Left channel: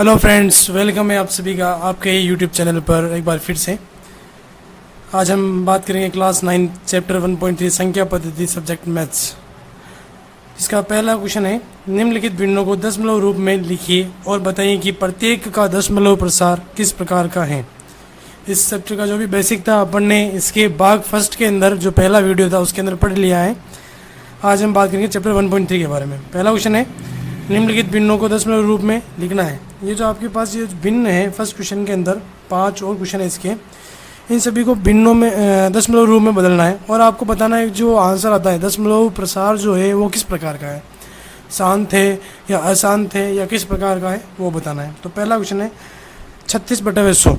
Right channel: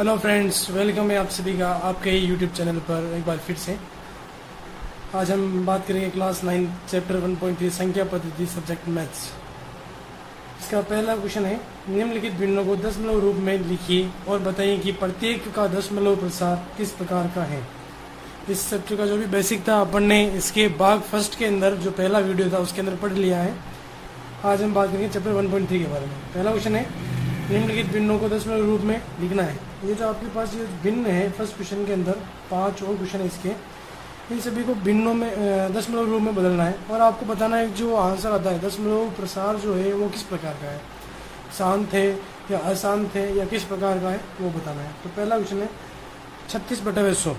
Hello friends, welcome है आप सभी का आपके यूट्यूब चैनल पर एक बार फिर से। आज हम बात करेंगे क्लास 9 चैप्टर 1.3 संख्या पद्धति सब्जेक्ट मैथ्स। इसका पहला क्वेश्चन है, निम्नलिखित भिन्नों को दशमलव रूप में लिखिए और बताइए कि प्रत्येक का दशमलव प्रसार किस प्रकार का है। इस चैप्टर का जो भी बेसिक था अपन ने इसके भाग फर्स्ट के अंदर जो पहला वीडियो था उसके अंदर पढ़ लिया है। आज हम बात करेंगे चैप्टर 1.3 के बारे में। पहला क्वेश्चन है, निम्नलिखित भिन्नों को दशमलव रूप में लिखना है। ये जो आपके पास ये भिन्न है फर्स्ट क्वेश्चन के अंदर 5 और क्वेश्चन है इसके, इन सभी को भिन्नों में दशमलव रूप में बदलना है और आपको बताना है जो आंसर आता है दशमलव प्रसार जो है वो किस प्रकार का है, शांत है या अशांत है या किस प्रकार का है वो बताना है। तो पहला क्वेश्चन है 36/100।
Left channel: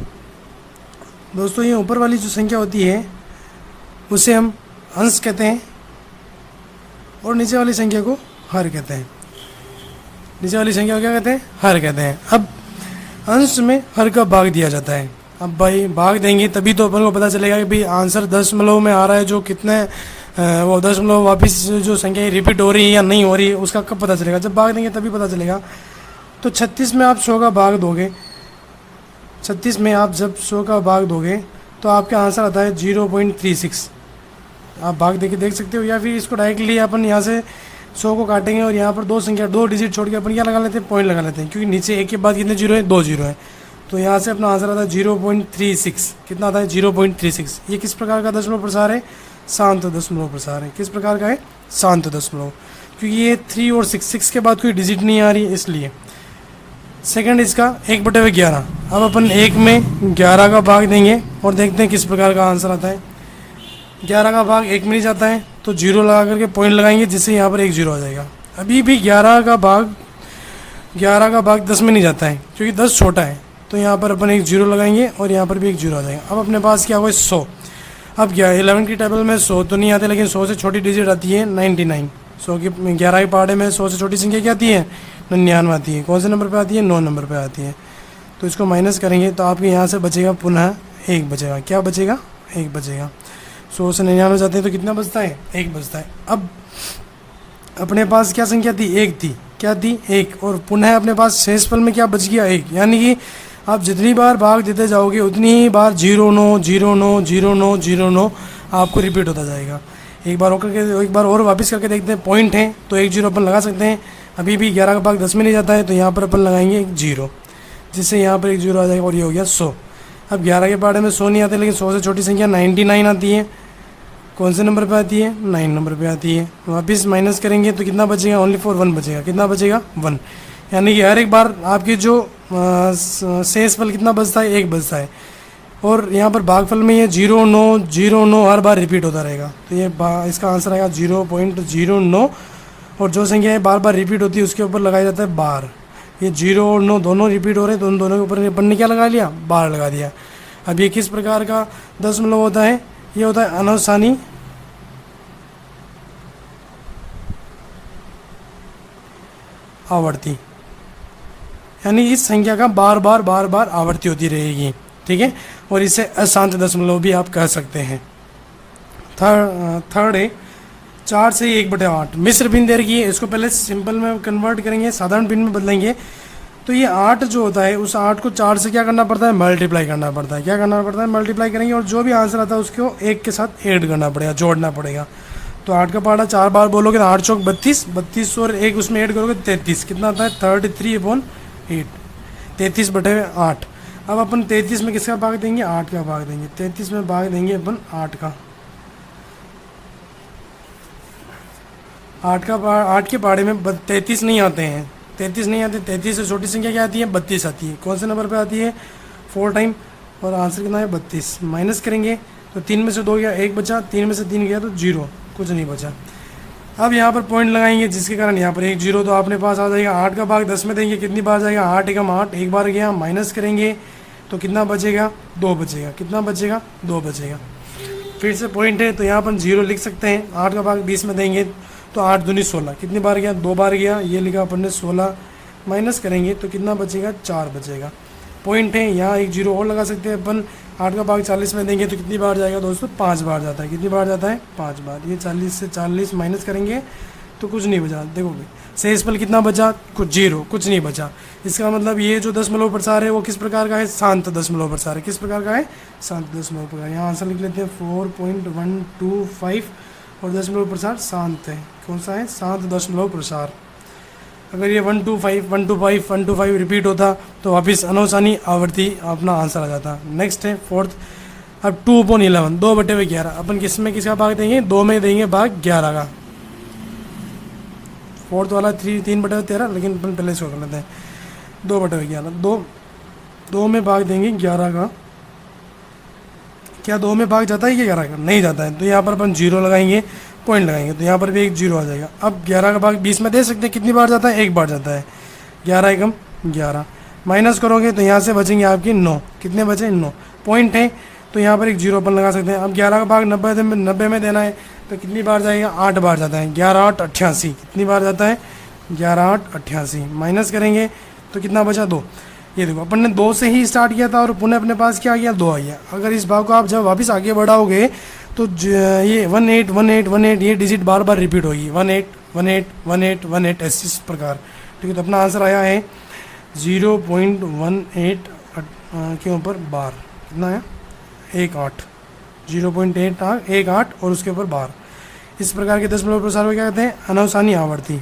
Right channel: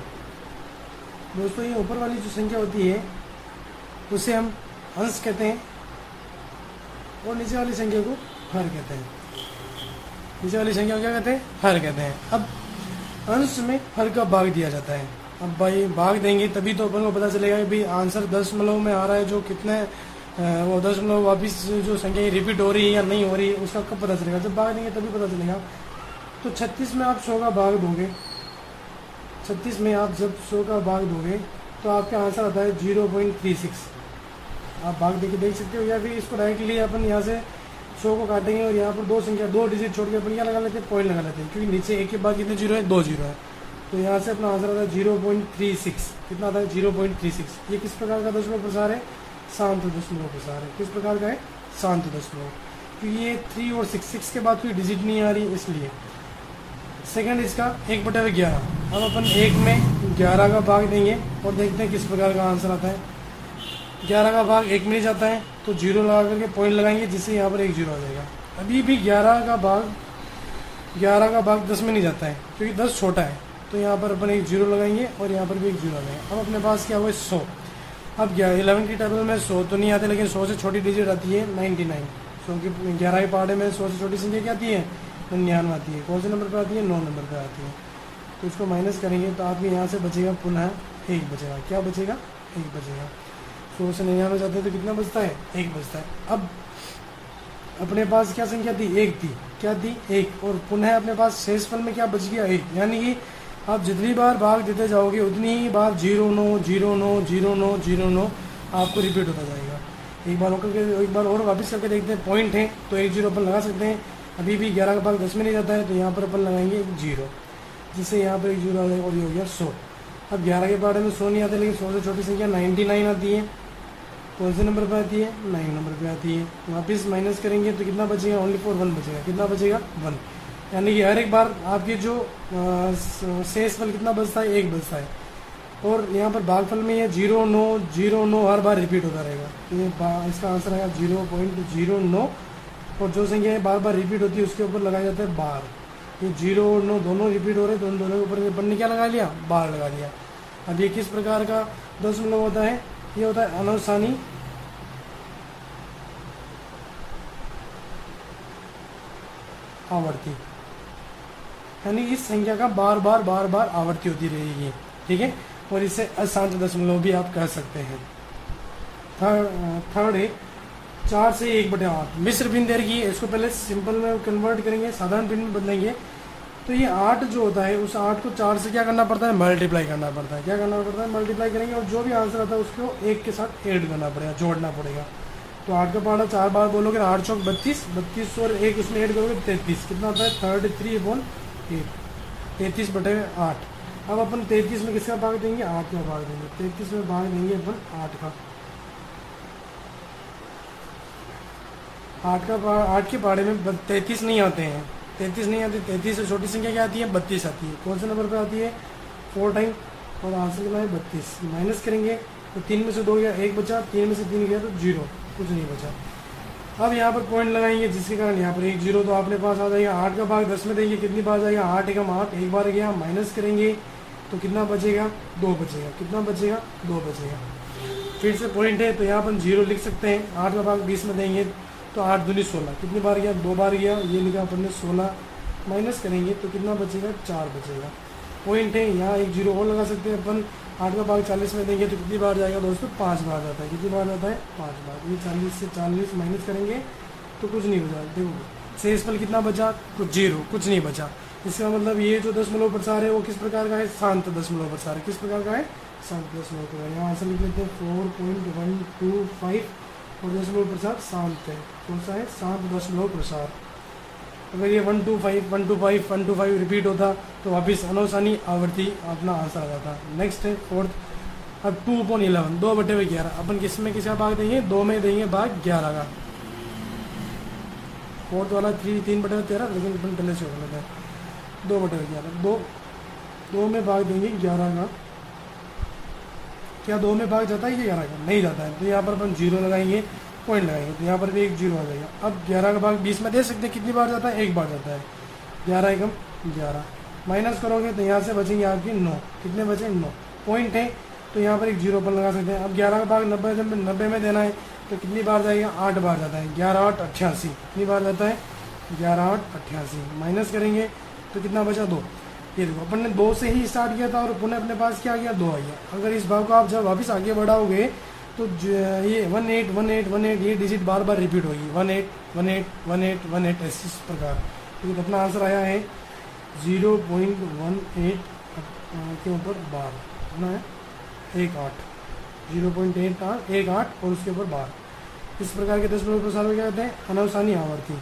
दोस्तों ये ऊपर वाली जो संख्या होती है उसे हम अंश कहते हैं और नीचे वाली संख्या को हर कहते हैं। नीचे वाली संख्या को क्या कहते हैं? हर कहते हैं। अब अंश में हर का भाग दिया जाता है। अब भाई भाग देंगे तभी तो अपन को पता चलेगा कि भाई आंसर दशमलव में आ रहा है, जो कितने वो दशमलव वापस जो संख्या रिपीट हो रही है या नहीं हो रही है उसका कब पता चलेगा? जब भाग देंगे तभी पता चलेगा। तो 36 में आप 100 का भाग दोगे, 36 में आप जब 100 का भाग दोगे तो आपका आंसर आता है 0.36। आप भाग दे के देख सकते हो, या फिर इसको डायरेक्टली अपन यहाँ से 100 को काटेंगे और यहाँ पर दो डिजिट छोड़ के अपन क्या लगा लेते हैं? पॉइंट लगा लेते हैं, क्योंकि नीचे एक के बाद कितने जीरो है? 2 जीरो है। तो यहाँ से अपना आंसर आता है 0.36। कितना आता है? 0.36। ये किस प्रकार का दशमलव प्रसार है? शांत दशमलव प्रसार है। किस प्रकार का है? शांत दशमलव, क्योंकि ये 3 और 6 के बाद कोई डिजिट नहीं आ रही इसलिए। सेकंड इसका 1/11। अब अपन 1 में 11 का भाग देंगे और देखते हैं किस प्रकार का आंसर आता है। 11 का भाग 1 में नहीं जाता है तो जीरो लगा करके पॉइंट लगाएंगे, जिससे यहाँ पर 1 जीरो आ जाएगा। अभी भी 11 का भाग 10 में नहीं जाता है क्योंकि 10 छोटा है, तो यहाँ पर अपन 1 जीरो लगाएंगे और यहाँ पर भी 1 जीरो आ जाएगा। अब अपने पास क्या हुआ? 100। अब 11 की टेबल में 100 तो नहीं आते, लेकिन 100 से छोटी डिजिट आती है 99। 100 के 11 के पहाड़े में 100 से छोटी संख्या क्या आती है? 99 आती है। कौन से नंबर पर आती है? 9 नंबर पर आती है। तो इसको माइनस करेंगे तो आपके यहाँ से बचेगा पुनः 1 बचेगा। क्या बचेगा? 1 बचेगा। 100 से 99 जाते हैं तो कितना बचता है? 1 बचता है। अब अपने पास क्या संख्या थी? 1 थी। क्या थी? 1। और पुनः अपने पास शेषफल में क्या बच गया? 1। यानी कि आप जितनी बार भाग देते जाओगे उतनी ही बार 0 9 0 9 0 9 0 9 आपको रिपीट होता जाएगा। एक बार और वापस करके देखते हैं। पॉइंट है तो 1 जीरो अपन लगा सकते हैं। अभी भी 11 का भाग 10 में नहीं जाता है तो यहाँ पर अपन लगाएंगे 1 जीरो, जिससे यहाँ पर 1 जीरो आ जाएगा और ये हो गया 100। अब 11 के बारे में 100 नहीं आते, लेकिन 100 से छोटी संख्या 99 आती है। कौन से नंबर पे आती है? 9 नंबर पे आती है। वापस माइनस करेंगे तो कितना बचेगा? ओनली फॉर 1 बचेगा। कितना बचेगा? 1। यानी कि हर एक बार आपकी जो शेषफल कितना बचता है? 1 बचता है। और यहाँ पर भागफल में ये 0 9 0 9 हर बार रिपीट होता रहेगा। तो ये इसका आंसर आएगा 0.09। और जो संख्या बार बार रिपीट होती है उसके ऊपर लगाया जाता है बार। ये 0 और 9 दोनों रिपीट हो रहे हैं तो उन दोनों के ऊपर अपन ने क्या लगा लिया? बार लगा दिया। अब ये किस प्रकार का दशमलव होता है? ये होता है अनासानी आवर्ती, यानी इस संख्या का बार बार आवर्ती होती रहेगी। ठीक है, और इसे अशांत दशमलव भी आप कह सकते हैं। थर्ड है 4 से 1/8 मिश्र भिन्न दे रखी है। इसको पहले सिंपल में कन्वर्ट करेंगे, साधारण भिन्न में बदलेंगे। तो ये 8 जो होता है उस 8 को 4 से क्या करना पड़ता है? मल्टीप्लाई करना पड़ता है। क्या करना पड़ता है? मल्टीप्लाई करेंगे और जो भी आंसर आता है उसको 1 के साथ ऐड करना पड़ेगा, जोड़ना पड़ेगा। तो 8 का पहाड़ा 4 बार बोलोगे तो 8 चौक 32, 32 और 1 उसमें ऐड करोगे 33। कितना आता है? 33/8, 33/8। अब अपन 33 में किसका भाग देंगे? 8 का भाग देंगे। 33 में भाग देंगे अपन 8 का। 8 के पहाड़े में 33 नहीं आते हैं। 33 नहीं आते। 33 से छोटी संख्या क्या आती है? 32 आती है। कौन से नंबर पे आती है? 4 टाइम। और आंसर कितना है? 32। माइनस करेंगे तो 3 में से 2 गया, 1 बचा। 3 में से 3 गया तो 0, कुछ नहीं बचा। अब यहाँ पर पॉइंट लगाएंगे जिसके कारण यहाँ पर 1 जीरो तो अपने पास आ जाएगा। 8 का भाग 10 में देंगे, कितनी बार जाएगा? 8 एकम 8, एक बार गया। माइनस करेंगे तो कितना बचेगा? 2 बचेगा। कितना बचेगा? 2 बचेगा। फिर से पॉइंट है तो यहाँ पर 0 लिख सकते हैं। 8 का भाग 20 में देंगे तो 8 दूनी 16, कितनी बार गया? 2 बार गया। ये लिखा अपन ने 16। माइनस करेंगे तो कितना बचेगा? 4 बचेगा। पॉइंट है यहाँ 1 जीरो और लगा सकते हैं अपन। 8 का भाग 40 में देंगे तो कितनी बार जाएगा दोस्तों? 5 बार जाता है। कितनी बार जाता है? 5 बार। ये 40 से 40 माइनस करेंगे तो कुछ नहीं बचा। देखोगे शेषफल कितना बचा, कुछ जीरो, कुछ नहीं बचा। इसका मतलब ये जो दशमलव प्रसार है वो किस प्रकार का है, शांत दशमलव प्रसार है। किस प्रकार का है, शांत दशमलव प्रसार। यहाँ आंसर लिख लेते हैं 4.125 और दशमलव प्रसार शांत है। कौन सा है, शांत दशमलव प्रसार। अगर ये 125 रिपीट होता तो वापिस अनौसानी आवर्ती अपना आंसर आ जाता। नेक्स्ट है फोर्थ। अब 2/11, 2/11 अपन किसमें किसका भाग देंगे, 2 में देंगे भाग 11 का। फोर्थ वाला 3/13, लेकिन अपन पहले से कर लेते हैं 2/11। 2 में भाग देंगे 11 का। क्या 2 में भाग जाता है कि 11 का, नहीं जाता है, तो यहाँ पर अपन 0 लगाएंगे, पॉइंट लगाएंगे, तो यहाँ पर भी एक 0 आ जाएगा। अब 11 का भाग 20 में दे सकते हैं, कितनी बार जाता है, एक बार जाता है। 11 एकम 11, माइनस करोगे तो यहाँ से बचेंगे आपके 9, कितने बचे, 9 पॉइंट है, तो यहाँ पर एक 0 अपन लगा सकते हैं। अब 11 का भाग 90 में देना है, तो कितनी बार जाएगा, 8 बार जाता है। 11 8 88, कितनी बार जाता है, 11 8 88, माइनस करेंगे तो कितना बचा, 2। ये देखो अपन ने 2 से ही स्टार्ट किया था और पुनः अपने पास क्या आ गया, 2 आ गया। अगर इस भाग को आप जब वापस आगे बढ़ाओगे तो ये 18 18 18 ये डिजिट बार बार रिपीट होगी, 18 18 18 18 इस प्रकार। ठीक है, तो अपना आंसर आया है 0.18 के ऊपर बार, कितना है, 18, 0.18 और उसके ऊपर बार। इस प्रकार के दशमलव प्रसार को क्या कहते हैं, अनौसानी आवर्ती।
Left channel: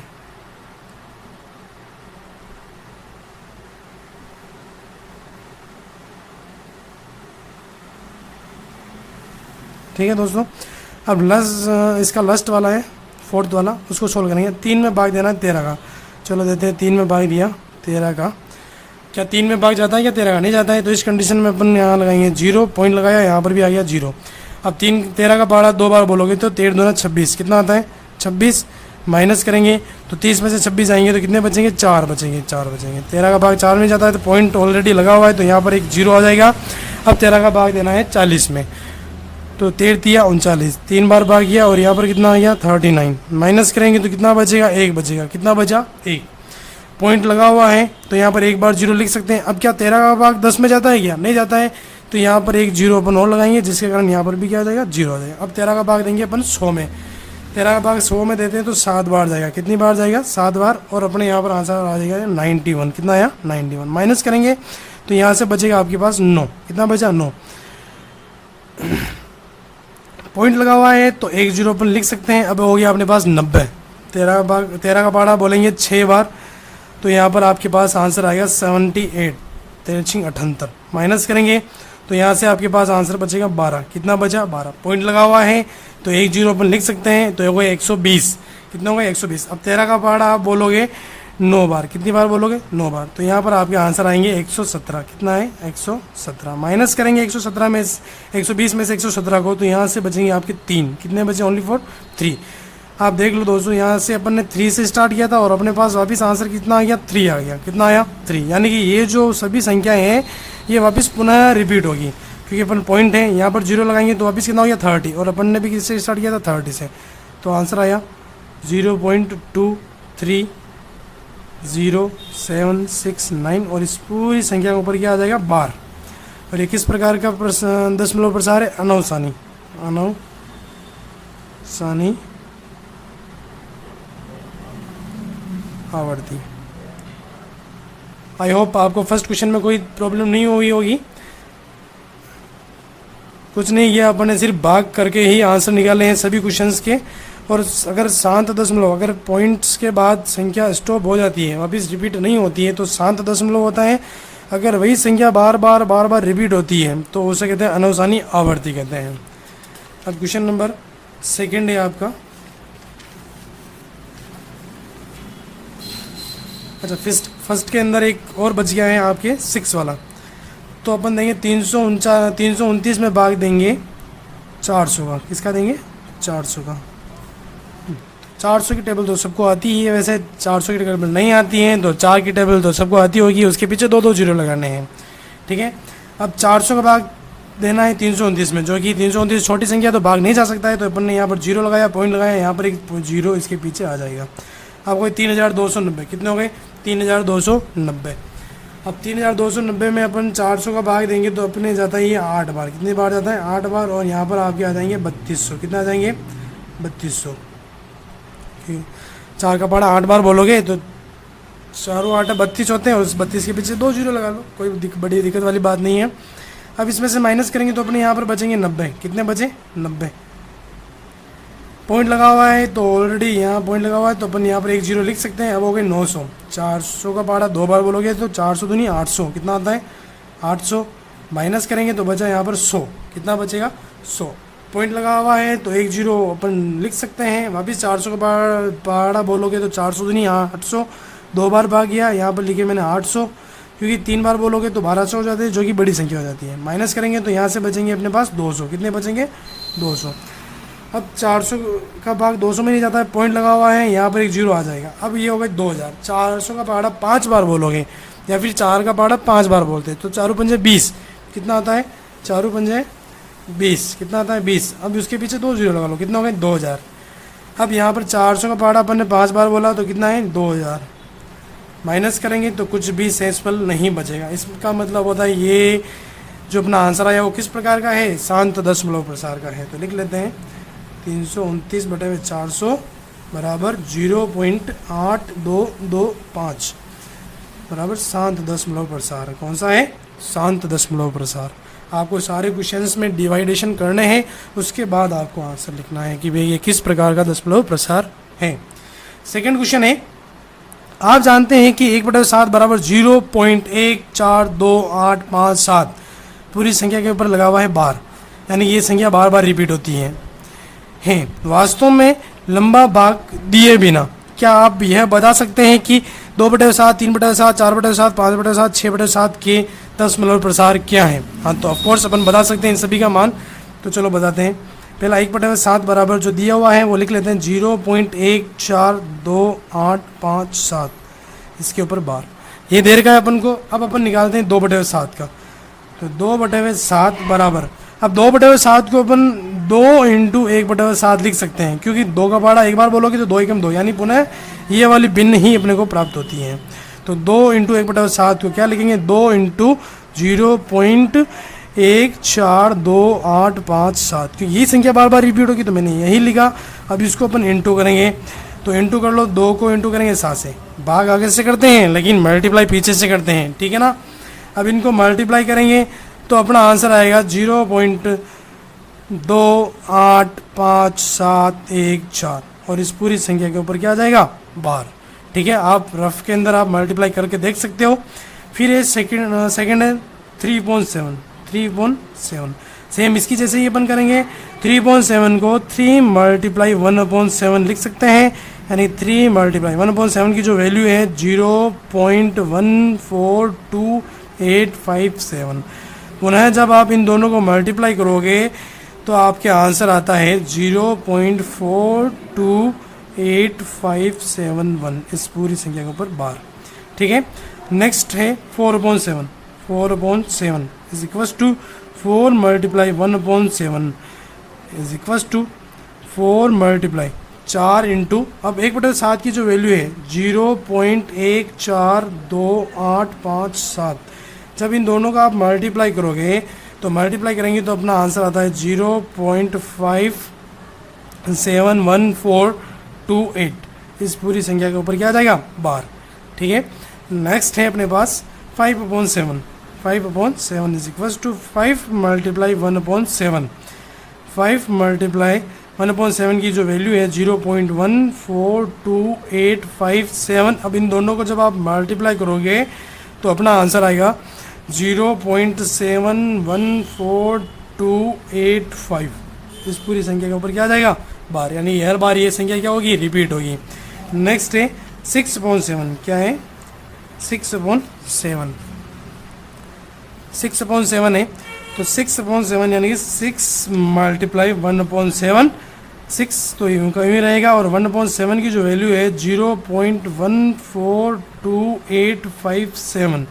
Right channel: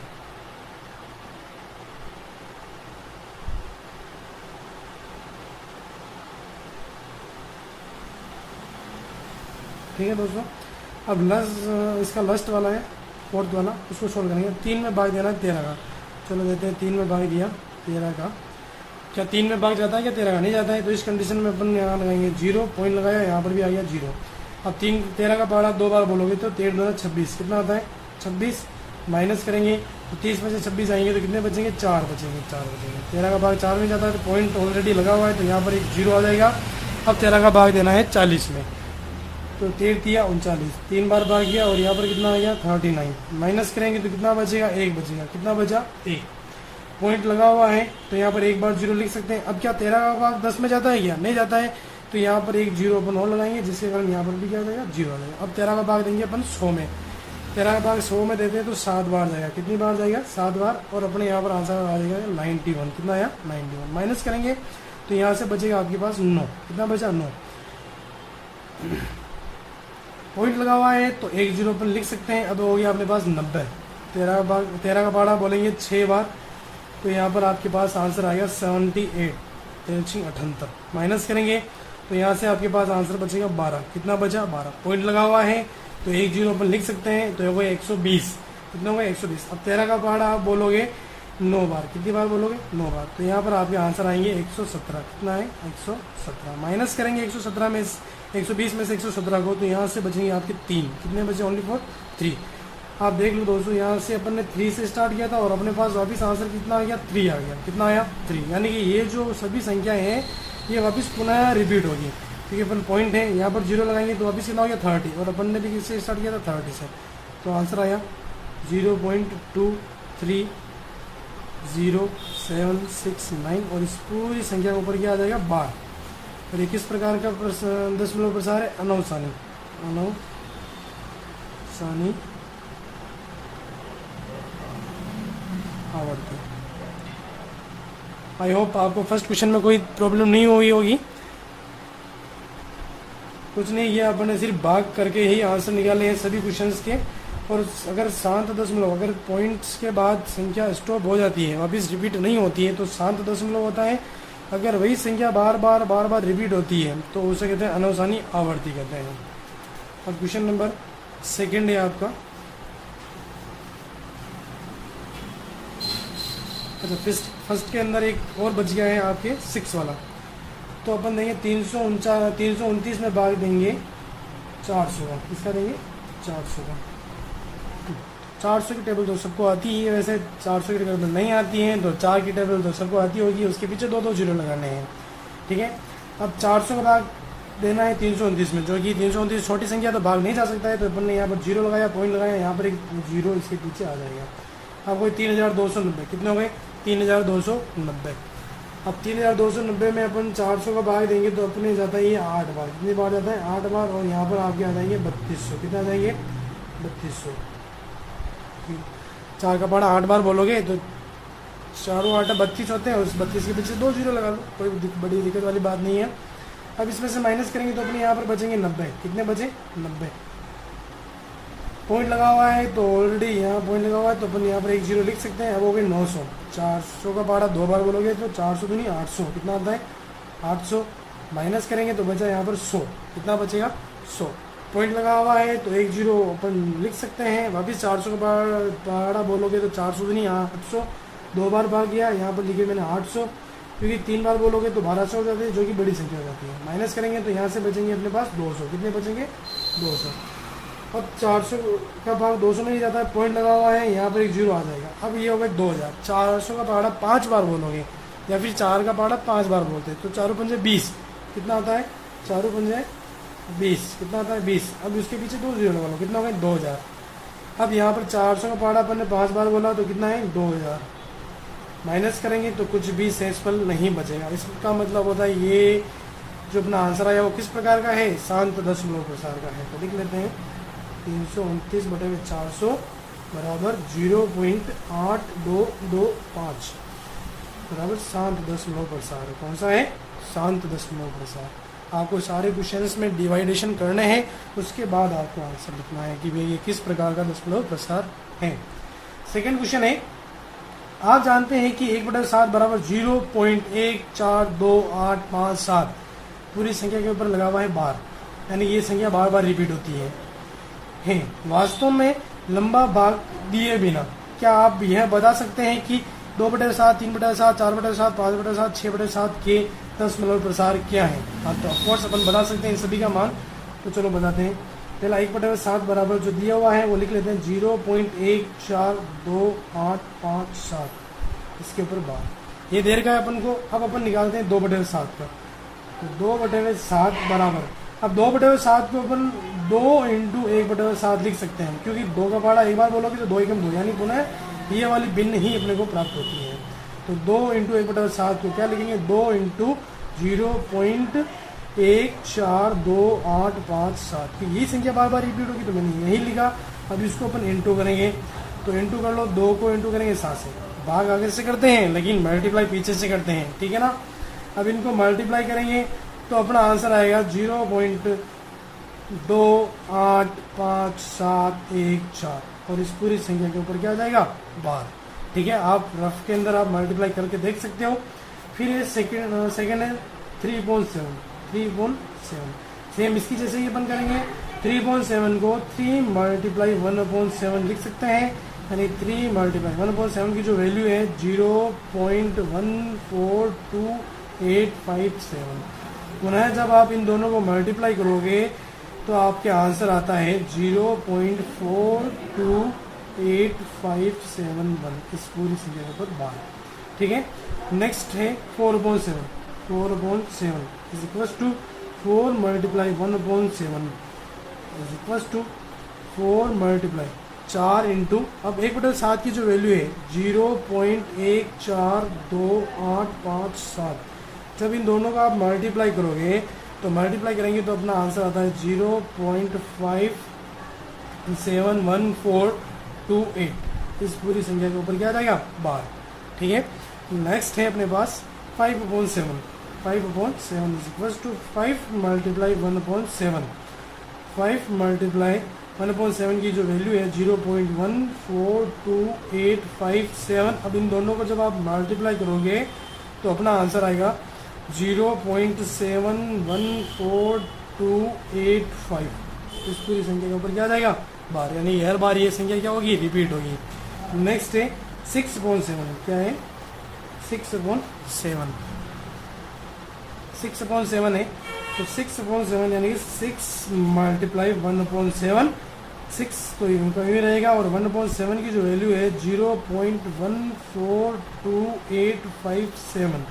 ठीक है दोस्तों, अब इसका लास्ट वाला है, फोर्थ वाला, उसको सोल्व करेंगे। 3 में भाग देना है 13 का। चलो देते हैं, 3 में भाग दिया 13 का। क्या 3 में भाग जाता है क्या 13 का, नहीं जाता है, तो इस कंडीशन में अपन यहाँ लगाएंगे 0, पॉइंट लगाया, यहाँ पर भी आ गया 0। अब 13 का पहाड़ा 2 बार बोलोगे तो 13 दूना 26, कितना आता है, 26, माइनस करेंगे तो 30 में से 26 आएंगे तो कितने बचेंगे, 4 बचेंगे। 13 का भाग 4 में जाता है तो पॉइंट ऑलरेडी लगा हुआ है, तो यहाँ पर एक 0 आ जाएगा। अब 13 का भाग देना है 40 में, तो 13 39, 3 बार भाग किया और यहाँ पर कितना आ गया, 39, माइनस करेंगे तो कितना बचेगा, 1 बचेगा। कितना बचा, 1, पॉइंट लगा हुआ है, तो यहाँ पर एक बार 0 लिख सकते हैं। अब क्या 13 का भाग 10 में जाता है क्या, नहीं जाता है, तो यहाँ पर एक 0 अपन और लगाएंगे, जिसके कारण यहाँ पर भी क्या आ जाएगा, 0 आ जाएगा। अब 13 का भाग देंगे अपन 100 में, 13 का भाग 100 में देते हैं तो 7 बार जाएगा। कितनी बार जाएगा, 7 बार, और अपने यहाँ पर आंसर आ जाएगा 91, कितना आया, 91, माइनस करेंगे तो यहाँ से बचेगा आपके पास 9, कितना बचा, 9, पॉइंट लगा हुआ है तो एक 0 अपन लिख सकते हैं। अब हो गया अपने पास 90, 13 का पहाड़ा बोलेंगे 6 बार, तो यहाँ पर आपके पास आंसर आएगा 78, 78, माइनस करेंगे तो यहाँ से आपके पास आंसर बचेगा 12, कितना बचा, 12, पॉइंट लगा हुआ है तो एक 0 अपन लिख सकते हैं, तो हो गया 120, कितना होगा, 120। अब 13 का पहाड़ा आप बोलोगे 9 बार, कितनी बार बोलोगे, 9 बार, तो यहाँ पर आपके आंसर आएंगे 117, कितना है, 117, माइनस करेंगे 117 में 120 में से 117 को, तो यहाँ से बचेंगे आपके 3, कितने बचे, ओनली फॉर 3। आप देख लो दोस्तों, यहाँ से अपन ने 3 से स्टार्ट किया था और अपने पास वापस आंसर कितना आ गया, 3 आ गया। कितना आया, 3, यानी कि ये जो सभी संख्याएं हैं ये वापस पुनः रिपीट होगी, क्योंकि अपन पॉइंट है यहाँ पर 0 लगाएंगे तो वापस कितना हो गया, 30, और अपन ने भी किससे स्टार्ट किया था, 30 से, तो आंसर आया 0.230769, और इस पूरी संख्या के ऊपर क्या आ जाएगा, बार। और ये किस प्रकार का दशमलव प्रसार है, अनौसानी आवर्ती। आई होप आपको फर्स्ट क्वेश्चन में कोई प्रॉब्लम नहीं हुई होगी। कुछ नहीं किया अपन ने, सिर्फ भाग करके ही आंसर निकाले हैं सभी क्वेश्चंस के। और अगर शांत दशमलव, अगर पॉइंट्स के बाद संख्या स्टॉप हो जाती है, वापस रिपीट नहीं होती है, तो शांत दशमलव होता है। अगर वही संख्या बार बार रिपीट होती है तो उसे कहते हैं अनौसानी आवर्ती कहते हैं। अब क्वेश्चन नंबर 2 है आपका। अच्छा, फर्स्ट के अंदर एक और बच गया है आपके 6 वाला, तो अपन देंगे 329 में भाग देंगे 400 का। किसका देंगे, 400 का। 400 की टेबल तो सबको आती ही है, वैसे 400 की टेबल नहीं आती है तो 4 की टेबल तो सबको आती होगी, उसके पीछे 2 0 लगाने हैं। ठीक है, अब 400 का भाग देना है 329 में, जो कि 329 छोटी संख्या तो भाग नहीं जा सकता है, तो अपन ने यहाँ पर 0 लगाया, पॉइंट लगाया, यहाँ पर एक 0 इसके पीछे आ जाएगा। अब कोई 3290, कितने हो गए, 3290। अब 3290 में अपन 400 का भाग देंगे तो अपने जाता है ये 8 बार, कितनी बार जाता है, 8 बार, और यहाँ पर आपके आ जाएंगे 3200, कितना आ जाएंगे, 3200। 4 का पहाड़ा 8 बार बोलोगे तो 4 8 32 होते हैं, उस 32 के पीछे 2 जीरो लगा लो, कोई बड़ी दिक्कत वाली बात नहीं है। अब इसमें से माइनस करेंगे तो अपने यहाँ पर बचेंगे 90। कितने बचे? 90। पॉइंट लगा हुआ है तो ऑलरेडी यहाँ पॉइंट लगा हुआ है तो अपन यहाँ पर 1 जीरो लिख सकते हैं। अब हो गए 900। 400 का पहाड़ा 2 बार बोलोगे तो 400 तो नहीं 800। कितना आता है? 800। माइनस करेंगे तो बचा यहाँ पर 100। कितना बचेगा? 100। पॉइंट लगा हुआ है तो 1 जीरो अपन लिख सकते हैं। वापस 400 का पहाड़ा बोलोगे तो 400 तो नहीं 800। 2 बार भाग गया, यहाँ पर लिखे मैंने 800, क्योंकि 3 बार बोलोगे तो 1200 हो जाते हैं, जो कि बड़ी संख्या हो जाती है। माइनस करेंगे तो यहाँ से बचेंगे अपने पास 200। कितने बचेंगे? 200। अब 400 का भाग 200 में नहीं जाता है, पॉइंट लगा हुआ है, यहाँ पर 1 जीरो आ जाएगा। अब ये हो गए 2000। 400 का पहाड़ा 5 बार बोलोगे या फिर 4 का पहाड़ा 5 बार बोलते हैं तो 4 पंजे 20। कितना आता है? 4 पंजे 20। कितना आता है? 20। अब उसके पीछे 2 जीरो लगा लो, कितना हो गए? 2000। अब यहाँ पर 400 का पहाड़ा अपन ने 5 बार बोला तो कितना है? 2000। माइनस करेंगे तो कुछ भी शेषफल नहीं बचेगा। इसका मतलब होता है ये जो अपना आंसर आया वो किस प्रकार का है? शांत दशमलव प्रसार का है। तो लिख लेते हैं 329/400 बराबर 0.8225 बराबर शांत दशमलव प्रसार। कौन सा है? शांत दशमलव प्रसार। आपको सारे क्वेश्चंस में डिवाइडेशन करने हैं, उसके बाद आपको आंसर लिखना है कि भाई ये किस प्रकार का दशमलव प्रसार है। सेकंड क्वेश्चन है, आप जानते हैं कि 1/7 बराबर 0.1428557 पूरी संख्या के ऊपर लगा हुआ है बार, यानी ये संख्या बार बार रिपीट होती है। वास्तव में लंबा भाग दिए बिना क्या आप यह बता सकते हैं कि 2/7, 3/7, 4/7, 5/7, 6/7 के दशमलव प्रसार क्या है? हाँ, तो ऑफकोर्स अपन बता सकते हैं इन सभी का मान। तो चलो बताते हैं। पहला 1/7 बराबर जो दिया हुआ है वो लिख लेते हैं 0.1428557, इसके ऊपर बार ये दे रखा है अपन को। अब अपन निकालते हैं 2/7 का। तो 2/7 बराबर, अब 2/7 को अपन 2 × 1/7 लिख सकते हैं, क्योंकि 2 का पहाड़ा 1 बार बोलोगे तो 2 × 2 यानी पुनः ये वाली भिन्न ही अपने को प्राप्त होती है। तो 2 × 1/7 को क्या लिखेंगे? 2 × 0.1428557, क्योंकि ये संख्या बार बार रिपीट होगी तो मैंने यही लिखा। अब इसको अपन इंटू करेंगे तो इंटू कर लो, 2 को इंटू करेंगे 7 से। भाग आगे से करते हैं लेकिन मल्टीप्लाई पीछे से करते हैं, ठीक है ना। अब इनको मल्टीप्लाई करेंगे तो अपना आंसर आएगा 0.285714 और इस पूरी संख्या के ऊपर क्या आ जाएगा? बार। ठीक है, आप रफ के अंदर आप मल्टीप्लाई करके देख सकते हो। फिर ये सेकंड है 3.7 सेम इसकी जैसे ही अपन करेंगे। 3.7 को 3 × 1/7 लिख सकते हैं, यानी 3 × 1/7 की जो वैल्यू है 0.142857। पुनः जब आप इन दोनों को मल्टीप्लाई करोगे तो आपके आंसर आता है 0.428571 इस पूरी संख्या के ऊपर बार। ठीक है, नेक्स्ट है 4/7 is equals to 4 × 1/7 is equals to 4 × 4 into, अब 1/7 की जो वैल्यू है 0.1428557, जब इन दोनों का आप मल्टीप्लाई करोगे तो मल्टीप्लाई करेंगे तो अपना आंसर आता है 0.571428 इस पूरी संख्या के ऊपर क्या आ जाएगा? बार। ठीक है, नेक्स्ट है अपने पास 5/7 इज इक्वल्स टू 5 × 1/7। 5 × 1/7 की जो वैल्यू है 0.142857। अब इन दोनों को जब आप मल्टीप्लाई करोगे तो अपना आंसर आएगा 0.714285 इस पूरी संख्या के ऊपर क्या आ जाएगा? बार, यानी हर बार ये संख्या क्या होगी? रिपीट होगी। नेक्स्ट है 6/7। क्या है? 6/7 है। तो 6/7 यानी 6 × 1/7, 6 तो इनका यूँ रहेगा और 1/7 की जो वैल्यू है 0.142857।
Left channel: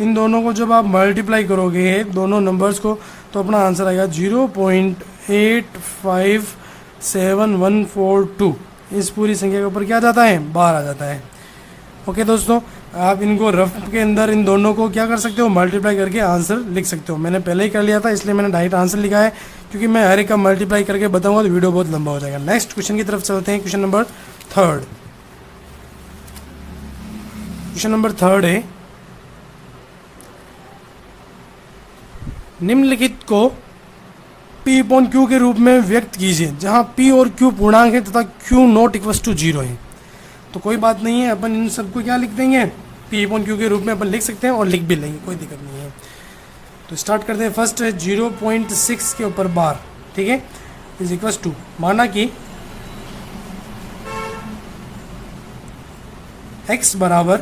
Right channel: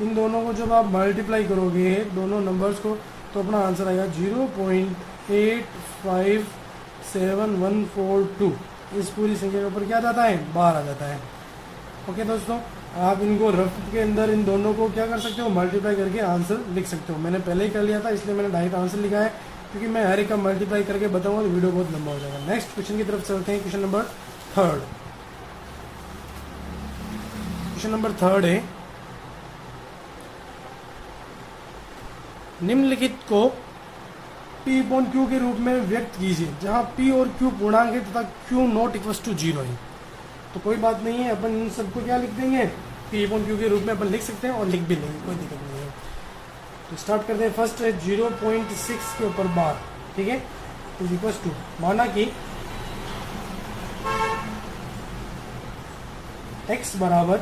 इन दोनों को जब आप मल्टीप्लाई करोगे दोनों नंबर्स को तो अपना आंसर आएगा 0.857142 इस पूरी संख्या के ऊपर क्या आ जाता है? बार आ जाता है। ओके दोस्तों, आप इनको रफ के अंदर इन दोनों को क्या कर सकते हो? मल्टीप्लाई करके आंसर लिख सकते हो। मैंने पहले ही कर लिया था इसलिए मैंने डायरेक्ट आंसर लिखा है, क्योंकि मैं हर एक का मल्टीप्लाई करके बताऊंगा तो वीडियो बहुत लंबा हो जाएगा। नेक्स्ट क्वेश्चन की तरफ चलते हैं। Question number 3। क्वेश्चन नंबर 3 है, निम्नलिखित को P अपॉन Q के रूप में व्यक्त कीजिए जहां P और Q पूर्णांक है तथा Q नॉट इक्वल टू 0 है। तो कोई बात नहीं है, अपन इन सबको क्या लिख देंगे, P अपॉन Q के रूप में अपन लिख सकते हैं और लिख भी लेंगे, कोई दिक्कत नहीं है। तो स्टार्ट करते हैं। फर्स्ट है 0.6 के ऊपर बार, ठीक है, इज इक्वल टू, माना कि x बराबर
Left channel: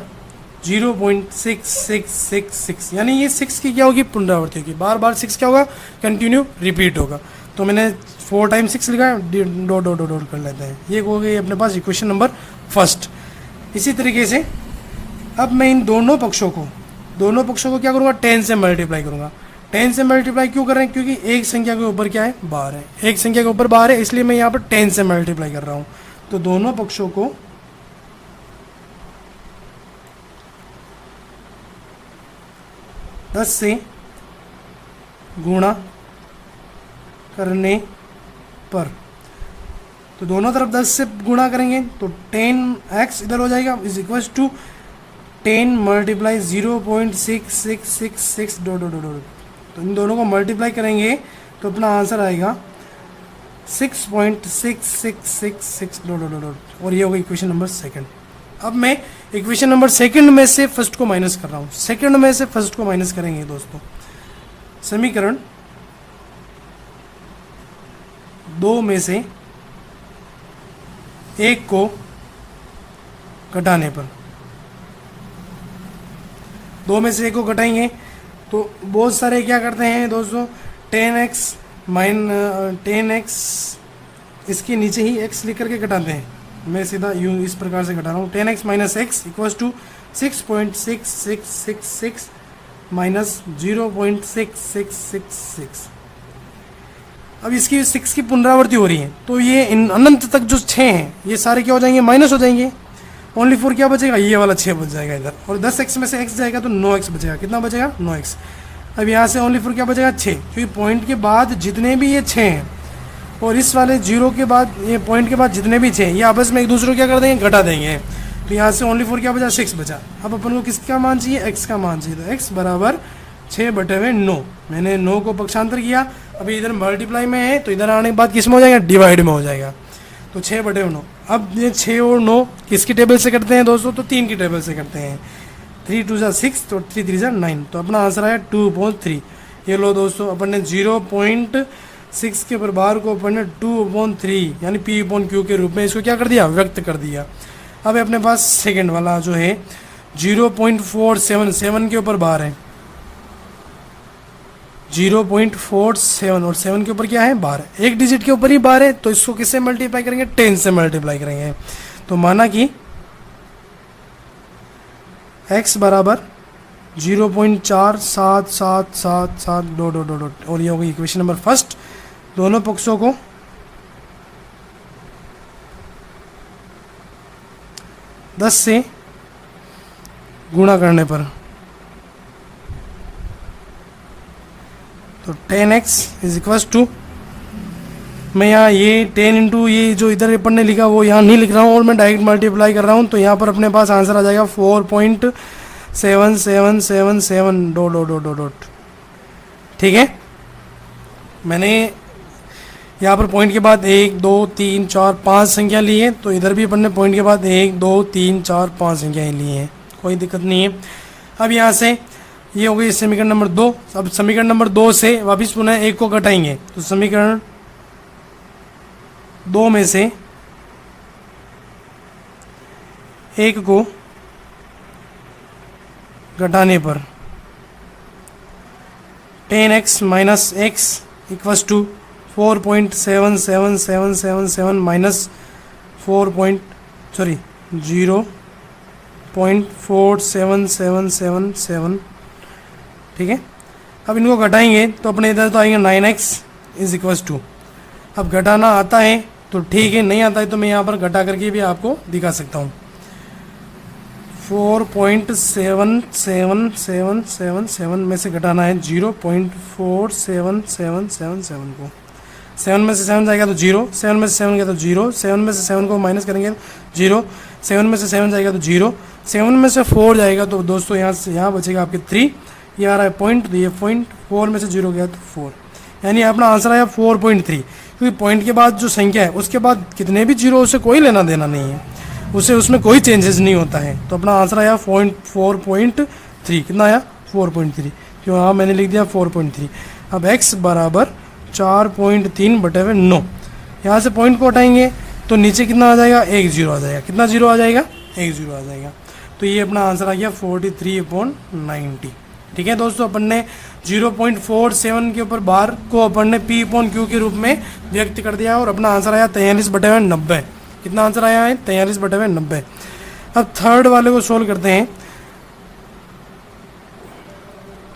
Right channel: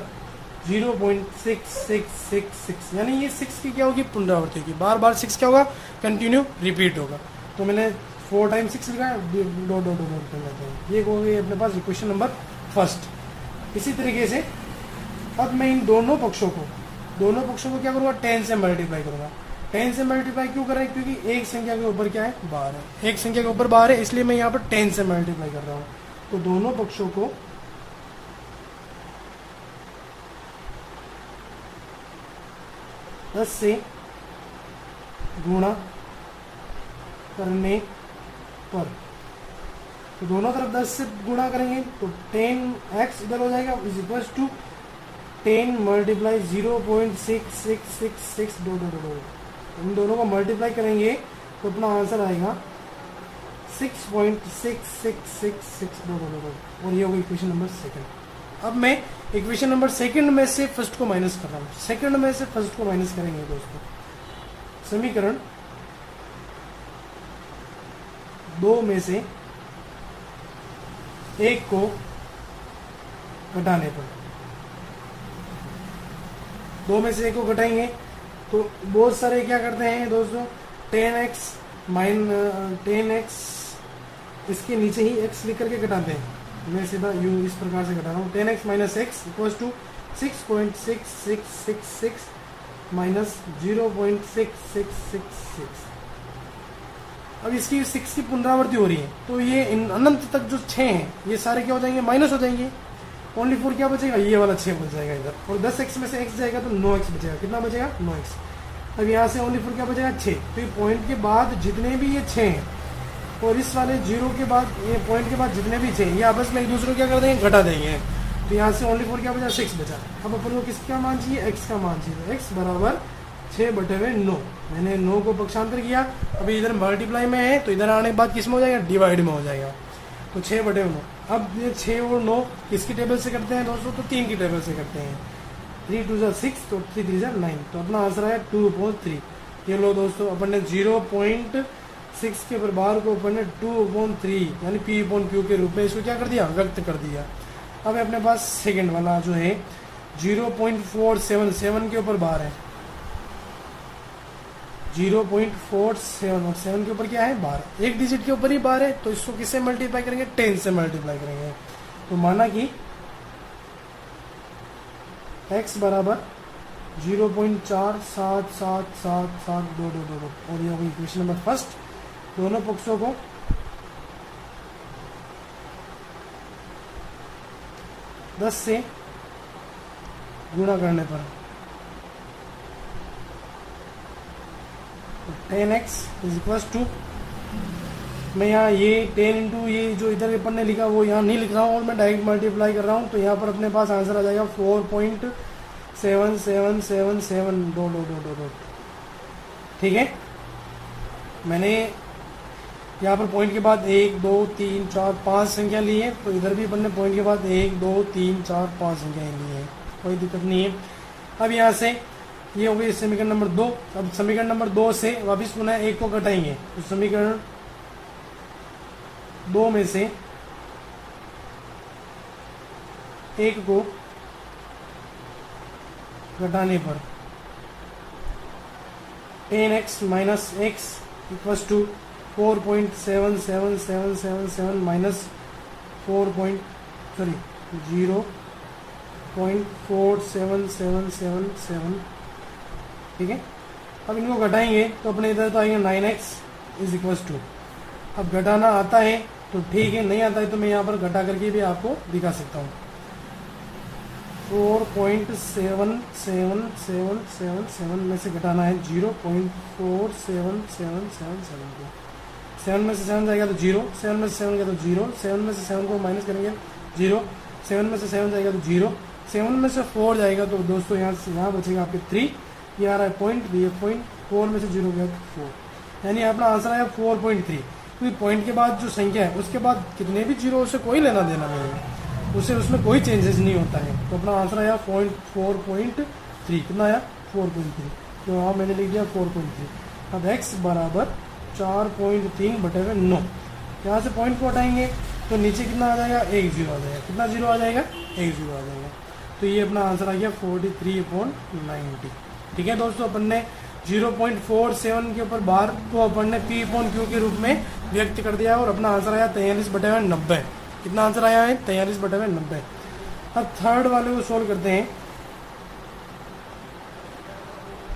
0.6666, यानी ये 6 की क्या होगी, पुनरावृत्ति होगी, बार बार 6 क्या होगा, कंटिन्यू रिपीट होगा। तो मैंने 4 टाइम 6 लिखा है, डॉट डॉट डॉट कर लेते हैं। ये हो गई अपने पास इक्वेशन नंबर फर्स्ट। इसी तरीके से अब मैं इन दोनों पक्षों को क्या करूँगा, 10 से मल्टीप्लाई करूँगा। 10 से मल्टीप्लाई क्यों कर रहे हैं, क्योंकि एक संख्या के ऊपर क्या है, बार है, एक संख्या के ऊपर बार है, इसलिए मैं यहाँ पर 10 से मल्टीप्लाई कर रहा हूँ। तो दोनों पक्षों को 10 से गुणा करने पर, तो दोनों तरफ 10 से गुणा करेंगे तो 10x इधर हो जाएगा, is equal to 10 multiply 0.6666 dot dot dot. तो इन दोनों को मल्टीप्लाई करेंगे तो अपना आंसर आएगा 6.6666 डॉट डॉट डॉट, और ये होगा इक्वेशन नंबर सेकंड। अब मैं इक्वेशन नंबर सेकंड में से फर्स्ट को माइनस कर रहा हूँ, सेकंड में से फर्स्ट को माइनस करेंगे दोस्तों। समीकरण 2 में से 1 को घटाने पर, 2 में से 1 को घटाएंगे तो बहुत सारे क्या करते हैं दोस्तों, 10x इसके नीचे ही x लिख करके घटाते हैं। मैं सीधा यूँ इस प्रकार से घटा रहा हूँ, 10x minus x equals to 6.6666 minus 0.6666। अब इसकी 6 की पुनरावृत्ति हो रही है, तो ये अनंत तक जो 6 हैं ये सारे क्या हो जाएंगे, माइनस हो जाएंगे। ओनली 4 क्या बचेगा, ये वाला 6 बच जाएगा इधर, और 10x में से x जाएगा तो 9x बचेगा। कितना बचेगा, 9x। अब यहाँ से ओनली 4 क्या बचेगा, 6, क्योंकि पॉइंट के बाद जितने भी ये 6 हैं और इस वाले 0 के बाद ये पॉइंट के बाद जितने भी 6 ये आपस में एक दूसरे को क्या कर देंगे, घटा देंगे। तो यहाँ से ओनली 4 क्या बचा, 6 बचा। अब अपन को किसका मान चाहिए, x का मान चाहिए। तो x बराबर 6/9, मैंने 9 को पक्षांतर किया, अभी इधर मल्टीप्लाई में है तो इधर आने के बाद किस में हो जाएगा, डिवाइड में हो जाएगा। तो 6/9। अब ये 6 और 9 किसकी टेबल से करते हैं दोस्तों, तो 3 की टेबल से करते हैं। 3 2 6 तो 3 3 9, तो अपना आंसर आया 2/3। ये लो दोस्तों, अपन ने 0.6 के बार को अपन ने 2/3 यानी P अपॉन Q के रूप में इसको क्या कर दिया, व्यक्त कर दिया। अब अपने पास सेकंड वाला जो है 0.477 के ऊपर बार है, 0.47 और 7 के ऊपर क्या है, बार है, एक डिजिट के ऊपर ही बार है। तो इसको किससे मल्टीप्लाई करेंगे, 10 से मल्टीप्लाई करेंगे। तो माना कि x बराबर 0.4777 डॉट डॉट डॉट, और ये होगी इक्वेशन नंबर फर्स्ट। दोनों पक्षों को 10 से गुणा करने पर, तो 10x इज इक्वल्स टू, मैं यहाँ ये 10 इंटू ये जो इधर अपन ने लिखा वो यहाँ नहीं लिख रहा हूँ और मैं डायरेक्ट मल्टीप्लाई कर रहा हूँ। तो यहाँ पर अपने पास आंसर आ जाएगा 4.7777 डॉट डॉट डॉट डॉट। ठीक है, मैंने यहाँ पर पॉइंट के बाद 1 2 3 4 5 संख्या ली है, तो इधर भी अपन ने पॉइंट के बाद 1 2 3 4 5 संख्याएँ ली हैं, कोई दिक्कत नहीं है। अब यहाँ से ये हो गई समीकरण नंबर 2। अब समीकरण नंबर 2 से वापस पुनः 1 को घटाएंगे, तो समीकरण 2 में से 1 को घटाने पर 10x minus x equals to 4.77777 minus 0.47777। ठीक है, अब इनको घटाएंगे तो अपने इधर तो आएंगे 9x इज इक्वल्स टू। अब घटाना आता है तो ठीक है, नहीं आता है तो मैं यहाँ पर घटा करके भी आपको दिखा सकता हूँ। 4.77777 में से घटाना है 0.47777 को। 7 में से 7 जाएगा तो 0, 7 में से 7 गया तो 0, 7 में से 7 को माइनस करेंगे 0, 7 में से 7 जाएगा तो 0, 7 में से 4 जाएगा तो दोस्तों यहाँ से यहाँ बचेगा आपके 3, ये आ रहा है पॉइंट, तो ये पॉइंट, 4 में से 0 गया तो 4, यानी अपना आंसर आया 4.3। क्योंकि पॉइंट के बाद जो संख्या है उसके बाद कितने भी जीरो उसे कोई लेना देना नहीं है, उसे उसमें कोई चेंजेस नहीं होता है। तो अपना आंसर आया 4.3। कितना आया? 4.3। क्यों? हाँ मैंने लिख दिया 4.3। अब x बराबर 4.3/9, यहाँ से पॉइंट को हटाएंगे तो नीचे कितना आ जाएगा? 1 0 आ जाएगा। कितना 0 आ जाएगा? 1 0 आ जाएगा। तो ये अपना आंसर आ गया 43/90। ठीक है दोस्तों, अपन ने 0.47 के ऊपर बार को अपन ने P/Q के रूप में व्यक्त कर दिया और अपना आंसर आया 43/90। कितना आंसर आया है? 43/90। अब थर्ड वाले को सोल्व करते हैं,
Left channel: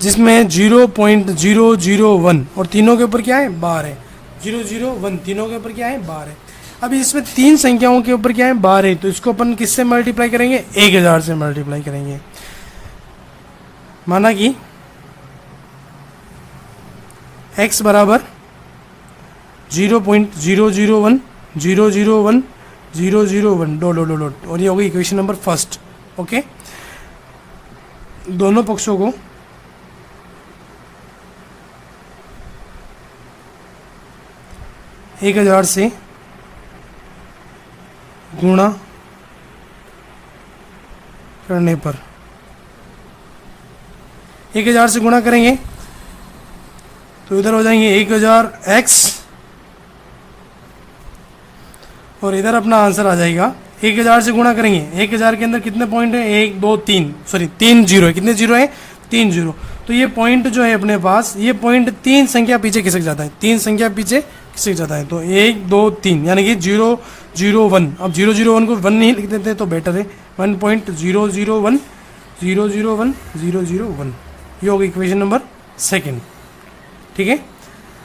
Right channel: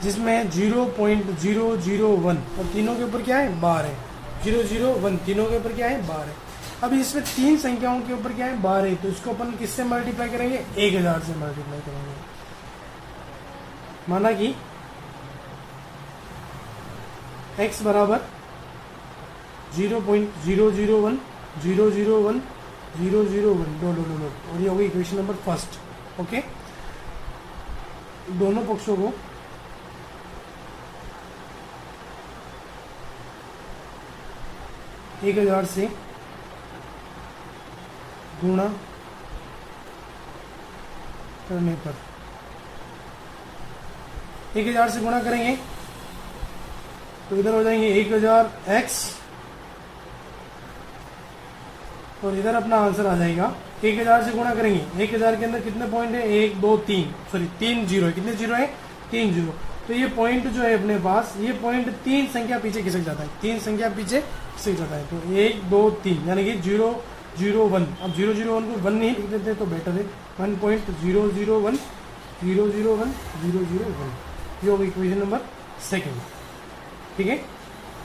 जिसमें 0.001 और तीनों के ऊपर क्या है? बार है। 001 तीनों के ऊपर क्या है? बार है। अभी इसमें 3 संख्याओं के ऊपर क्या है? बार है। तो इसको अपन किससे मल्टीप्लाई करेंगे? 1000 से मल्टीप्लाई करेंगे। माना कि x बराबर 0.001 001 001 डॉट, और ये होगी इक्वेशन नंबर फर्स्ट। ओके, दोनों पक्षों को एक 1000 से गुणा करने पर 1000 से गुणा करेंगे तो इधर हो जाएंगे 1000x और इधर अपना आंसर आ जाएगा 1000 से गुणा करेंगे। 1000 के अंदर कितने पॉइंट है? 1 2 3, सॉरी 3 जीरो है। कितने जीरो है? 3 जीरो। तो ये पॉइंट जो है अपने पास, ये पॉइंट 3 संख्या पीछे खिसक जाता है। 3 संख्या पीछे खिसक जाता है। तो 1 2 3 यानी कि 001। अब 001 को 1 नहीं लिख देते तो बेटर है। 1.001 001 001, ये होगी इक्वेशन नंबर सेकंड। ठीक है,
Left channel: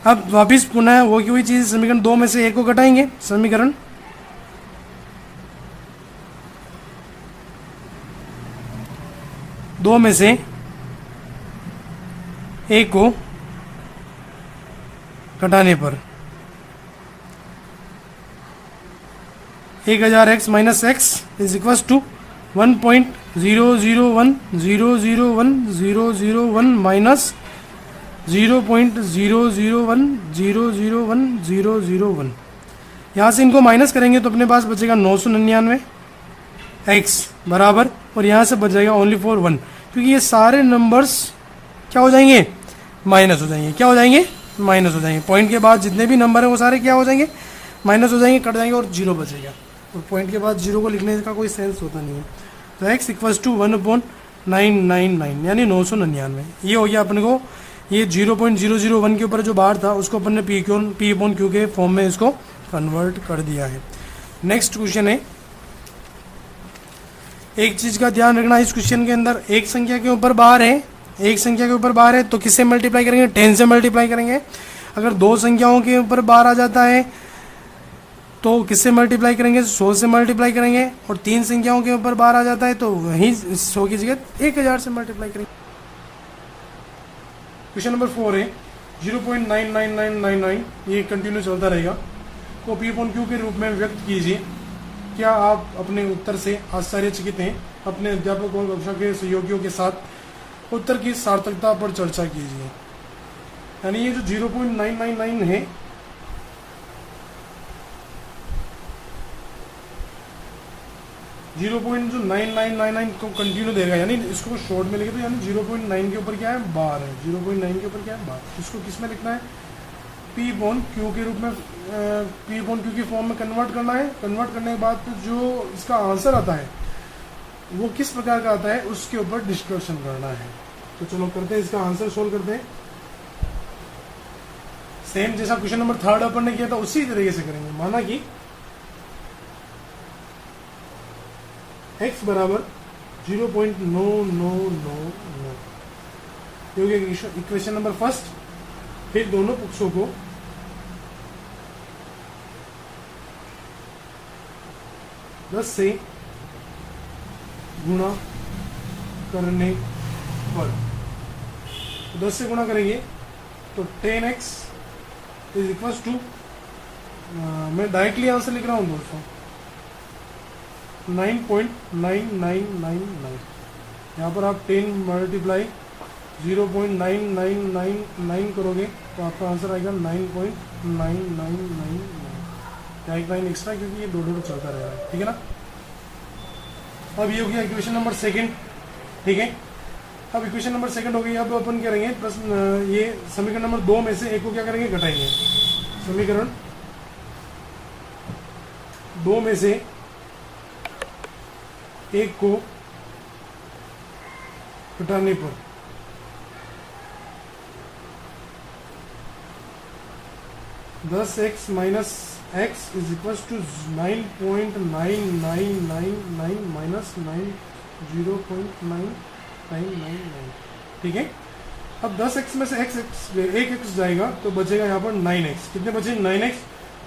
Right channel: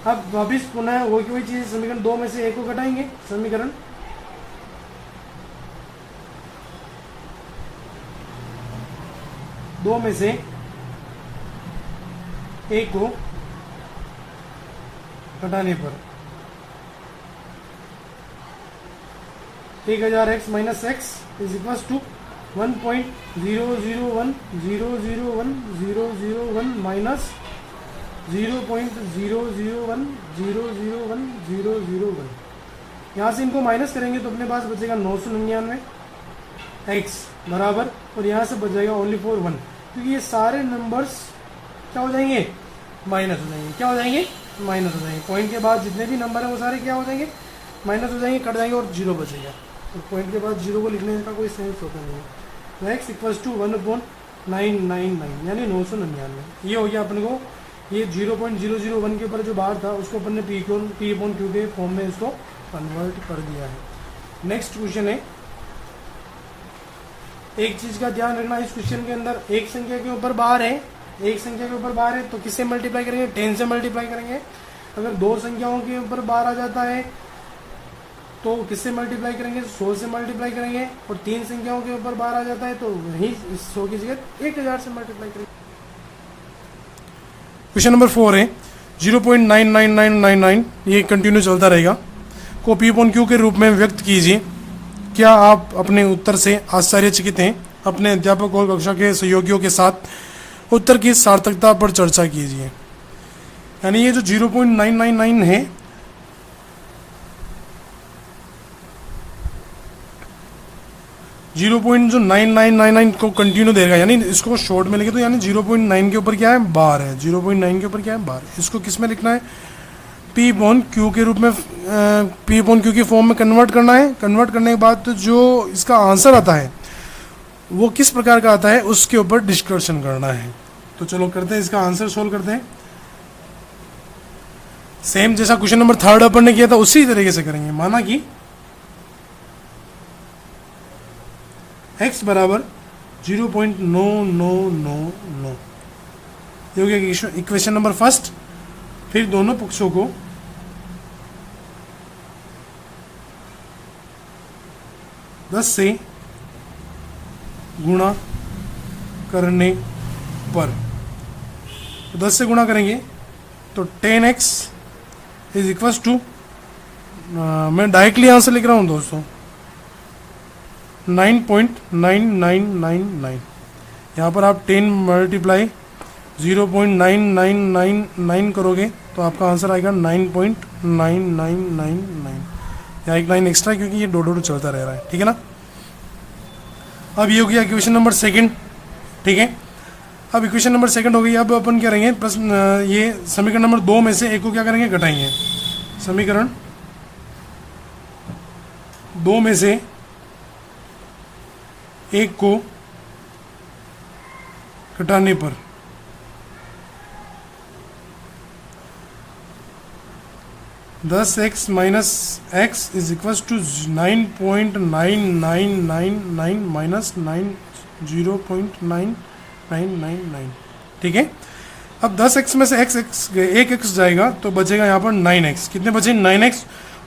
अब वापिस पुनः वो की हुई चीज़, समीकरण 2 में से 1 को घटाएंगे। समीकरण 2 में से 1 को घटाने पर 1000x minus x is equal to 1.001 001 001 minus 0.001 001 001। यहाँ से इनको माइनस करेंगे तो अपने पास बचेगा 999 x बराबर, और यहाँ से बच जाएगा ओनली फॉर 1, क्योंकि ये सारे नंबर्स क्या हो जाएंगे? माइनस हो जाएंगे। क्या हो जाएंगे? माइनस हो जाएंगे। पॉइंट के बाद जितने भी नंबर हैं वो सारे क्या हो जाएंगे? माइनस हो जाएंगे, कट जाएंगे और 0 बचेगा। तो पॉइंट के बाद 0 को लिखने का कोई सेंस होता नहीं है। तो x इक्वल्स टू 1/999 यानी 999। ये हो गया अपने को, ये 0.001 के ऊपर जो बार था उसको अपन ने P/Q के फॉर्म में इसको कन्वर्ट कर दिया है। नेक्स्ट क्वेश्चन है, एक चीज़ का ध्यान रखना, इस क्वेश्चन के अंदर एक संख्या के ऊपर बार है, एक संख्या के ऊपर बार है तो किससे मल्टीप्लाई करेंगे? 10 से मल्टीप्लाई करेंगे। अगर 2 संख्याओं के ऊपर बार आ जाता है तो किससे मल्टीप्लाई करेंगे? 100 से मल्टीप्लाई करेंगे। और 3 संख्याओं के ऊपर बार आ जाता है तो वहीं 100 की जगह 1000 से मल्टीप्लाई करेंगे। क्वेश्चन नंबर 4 है 0.99999, ये कंटिन्यू चलता रहेगा, को P/Q के रूप में व्यक्त कीजिए। क्या आप अपने उत्तर से आश्चर्यचकित हैं? अपने अध्यापक और कक्षा के सहयोगियों के साथ उत्तर की सार्थकता पर चर्चा कीजिए। यानी ये जो 0.999 है, जीरो पॉइंट जो 9999 को कंटिन्यू देगा, यानी इसको शॉर्ट में लिखे तो यानी 0.9 के ऊपर क्या है? बार है। 0.9 के ऊपर क्या है? बार। इसको किस में लिखना है? P/Q के रूप में, P/Q की फॉर्म में कन्वर्ट करना है। कन्वर्ट करने के बाद तो जो इसका आंसर आता है वो किस प्रकार का आता है उसके ऊपर डिस्कशन करना है। तो चलो करते हैं, इसका आंसर सोल्व करते हैं। सेम जैसा क्वेश्चन नंबर 3 अपन ने किया था उसी तरीके से करेंगे। माना कि x बराबर 0.9999, ये हो गया इक्वेशन नंबर फर्स्ट। फिर दोनों पक्षों को दस से गुणा करने पर, 10 से गुणा करेंगे तो 10x इज इक्वल टू, मैं डायरेक्टली आंसर लिख रहा हूँ दोस्तों, 9.9999। यहाँ पर आप 10 मल्टीप्लाई 0.9999 करोगे तो आपका आंसर आएगा 9.9999। यहाँ एक लाइन एक्स्ट्रा क्योंकि ये डो चलता रह रहा है, ठीक है ना। अब ये हो गया इक्वेशन नंबर सेकंड, ठीक है। अब इक्वेशन नंबर सेकंड हो गई। अब अपन क्या करेंगे, प्रश्न ये समीकरण नंबर 2 में से एक को क्या करेंगे, घटाएंगे। समीकरण 2 में से एक को घटाने पर दस x minus x is equal to 9.9999 minus 0.9999, ठीक है। अब 10x में से एक एक्स जाएगा तो बचेगा यहाँ पर 9x। कितने बचे, 9x।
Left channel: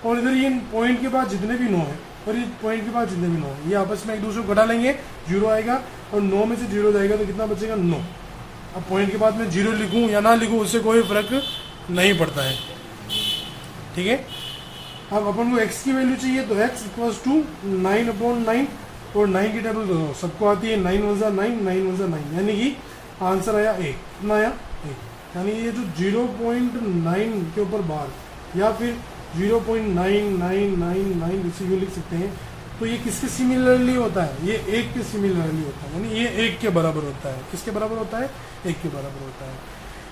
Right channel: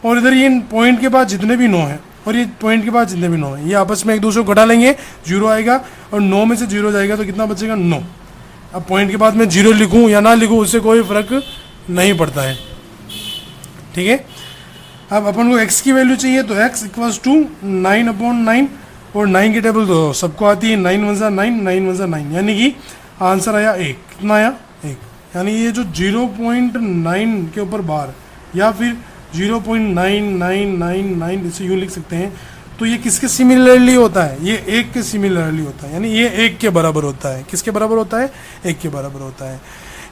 और इधर ये पॉइंट के बाद जितने भी 9 हैं और ये पॉइंट के बाद जितने भी 9 हैं, ये आपस में एक दूसरे को घटा लेंगे, 0 आएगा। और 9 में से 0 जाएगा तो कितना बचेगा, 9। अब पॉइंट के बाद मैं 0 लिखूँ या ना लिखूँ उससे कोई फर्क नहीं पड़ता है, ठीक है। अब अपन को x की वैल्यू चाहिए तो x इक्वल्स टू 9/9 और 9 की टेबल तो सबको आती है, 9 1 9 9 1 9, यानी कि आंसर आया 1। कितना आया, 1। यानी ये जो 0.9 के ऊपर बार या फिर 0.9999 इसे यूँ लिख सकते हैं। तो ये किसके सिमिलरली होता है, ये 1 के सिमिलरली होता है, यानी ये 1 के बराबर होता है। किसके बराबर होता है, 1 के बराबर होता है।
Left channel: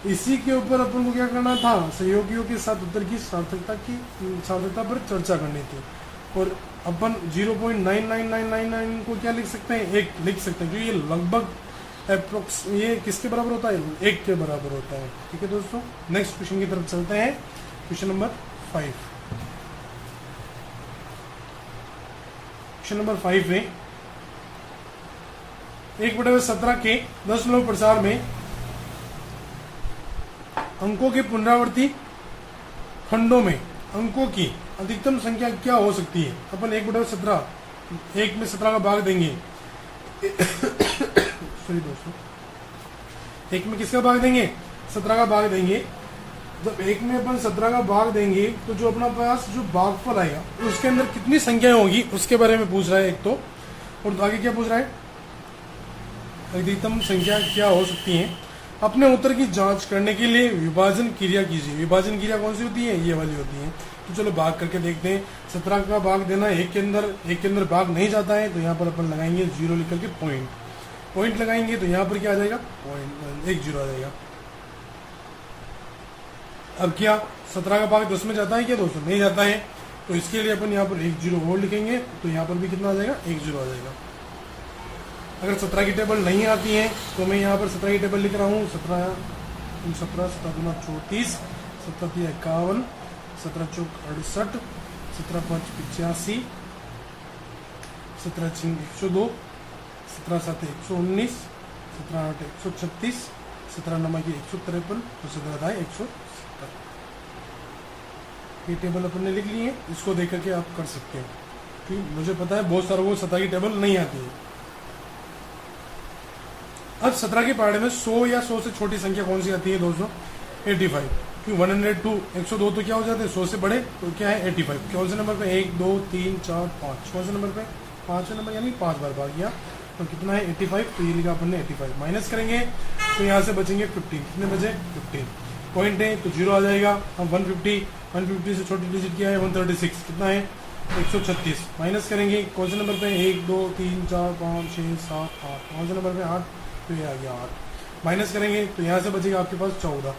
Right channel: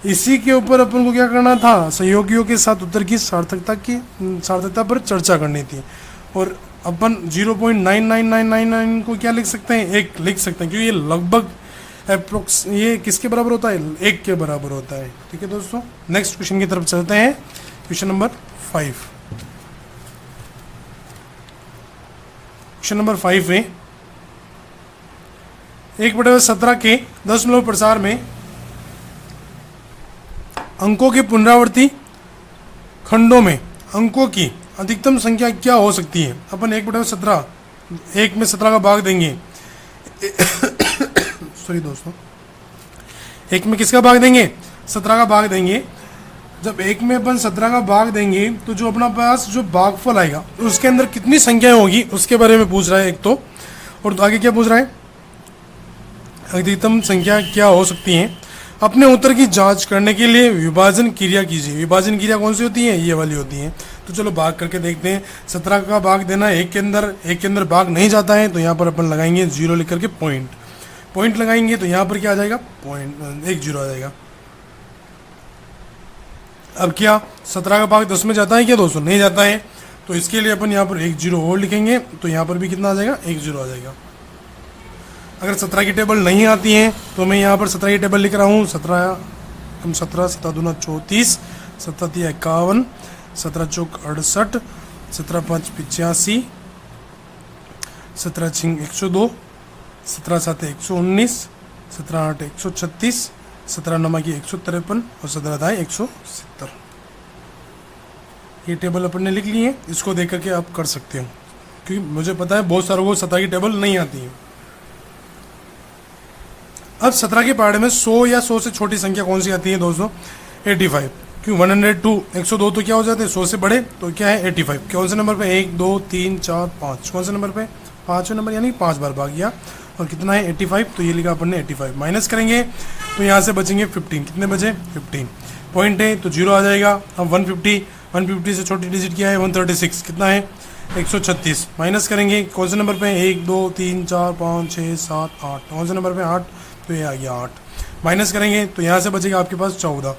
इसी के ऊपर अपन को क्या करना था, सहयोगियों के साथ उत्तर की सार्थकता पर चर्चा करनी थी। और अपन 0.99999 को क्या लिख सकते हैं, 1 लिख सकते हैं, क्योंकि ये लगभग अप्रोक्स ये किसके बराबर होता है, 1 के बराबर होता है, ठीक है दोस्तों। नेक्स्ट क्वेश्चन की तरफ चलते हैं, क्वेश्चन नंबर 5। क्वेश्चन नंबर 5 में 1/17 के दशमलव प्रसार में अंकों के पुनरावर्ती खंडों में अंकों की अधिकतम संख्या क्या हो सकती है। अपन 1/17 1 में 17 का भाग देंगे सॉरी दोस्तों, 1 में किसका भाग देंगे, 17 का भाग देंगे। जब 1 में अपन 17 का भाग देंगे तो जो अपना पास जो भागफल आएगा उसके अंदर कितनी संख्याएं होगी उसके बारे में पूछ रहा है एक तो। और आगे क्या पूछ रहा है, अधिकतम संख्या क्या हो सकती है। अपने उत्तर की जांच करने के लिए विभाजन क्रिया कीजिए। विभाजन क्रिया कौन सी होती है, ये वाली होती है। तो चलो भाग करके देखते हैं। 17 का भाग देना 1 के अंदर भाग नहीं जाता है तो यहाँ पर अपन लगाएंगे 0 लिख करके पॉइंट लगाएंगे तो यहाँ पर क्या आ जाएगा, पॉइंट 1 0 आ जाएगा। अब क्या 17 का भाग 10 में जाता है क्या दोस्तों, नहीं जाता है। तो इसके लिए अपन यहाँ पर 1 0 और लिखेंगे तो यहाँ पर भी कितना आ जाएगा, 1 0 आ जाएगा। अगर 17 की टेबल नहीं आती है तो मैं यहाँ पर 17 की टेबल लिख रहा हूँ। 17 7 दूना 34, 7 3 51, 17 चौक 68, 17 5 85, 17 6 102, 17 7 119, 17 8 136, 17 9 की 153 और 17 10 170। ये टेबल अपन ने लिख ली है, इसको देख करके आप कर सकते हो, क्योंकि मुझे पता है बहुत सारों को 17 की टेबल नहीं आती है। अब 17 के पहाड़े में 100 या 100 से छोटी संख्या कौन सी आती है दोस्तों, 85। क्यों 102 102 तो क्या हो जाते हैं 100 से बड़े, तो क्या है 85। कौन से नंबर पे, 1 2 3 4 5, कौन से नंबर पे, 5वें नंबर, यानी 5 बार भाग गया। और कितना है 85, तो ये लिखा अपन ने 85। माइनस करेंगे तो यहाँ से बचेंगे 15। कितने बचे 15, पॉइंट है तो 0 आ जाएगा। अब 150 से छोटी डिजिट क्या है 136, कितना है 136। माइनस करेंगे कौन से नंबर पे, 1 2 3 4 5 6 7 8, कौन से नंबर पे 8, तो ये आ गया 8। माइनस करेंगे तो यहाँ से बचेगा आपके पास 14।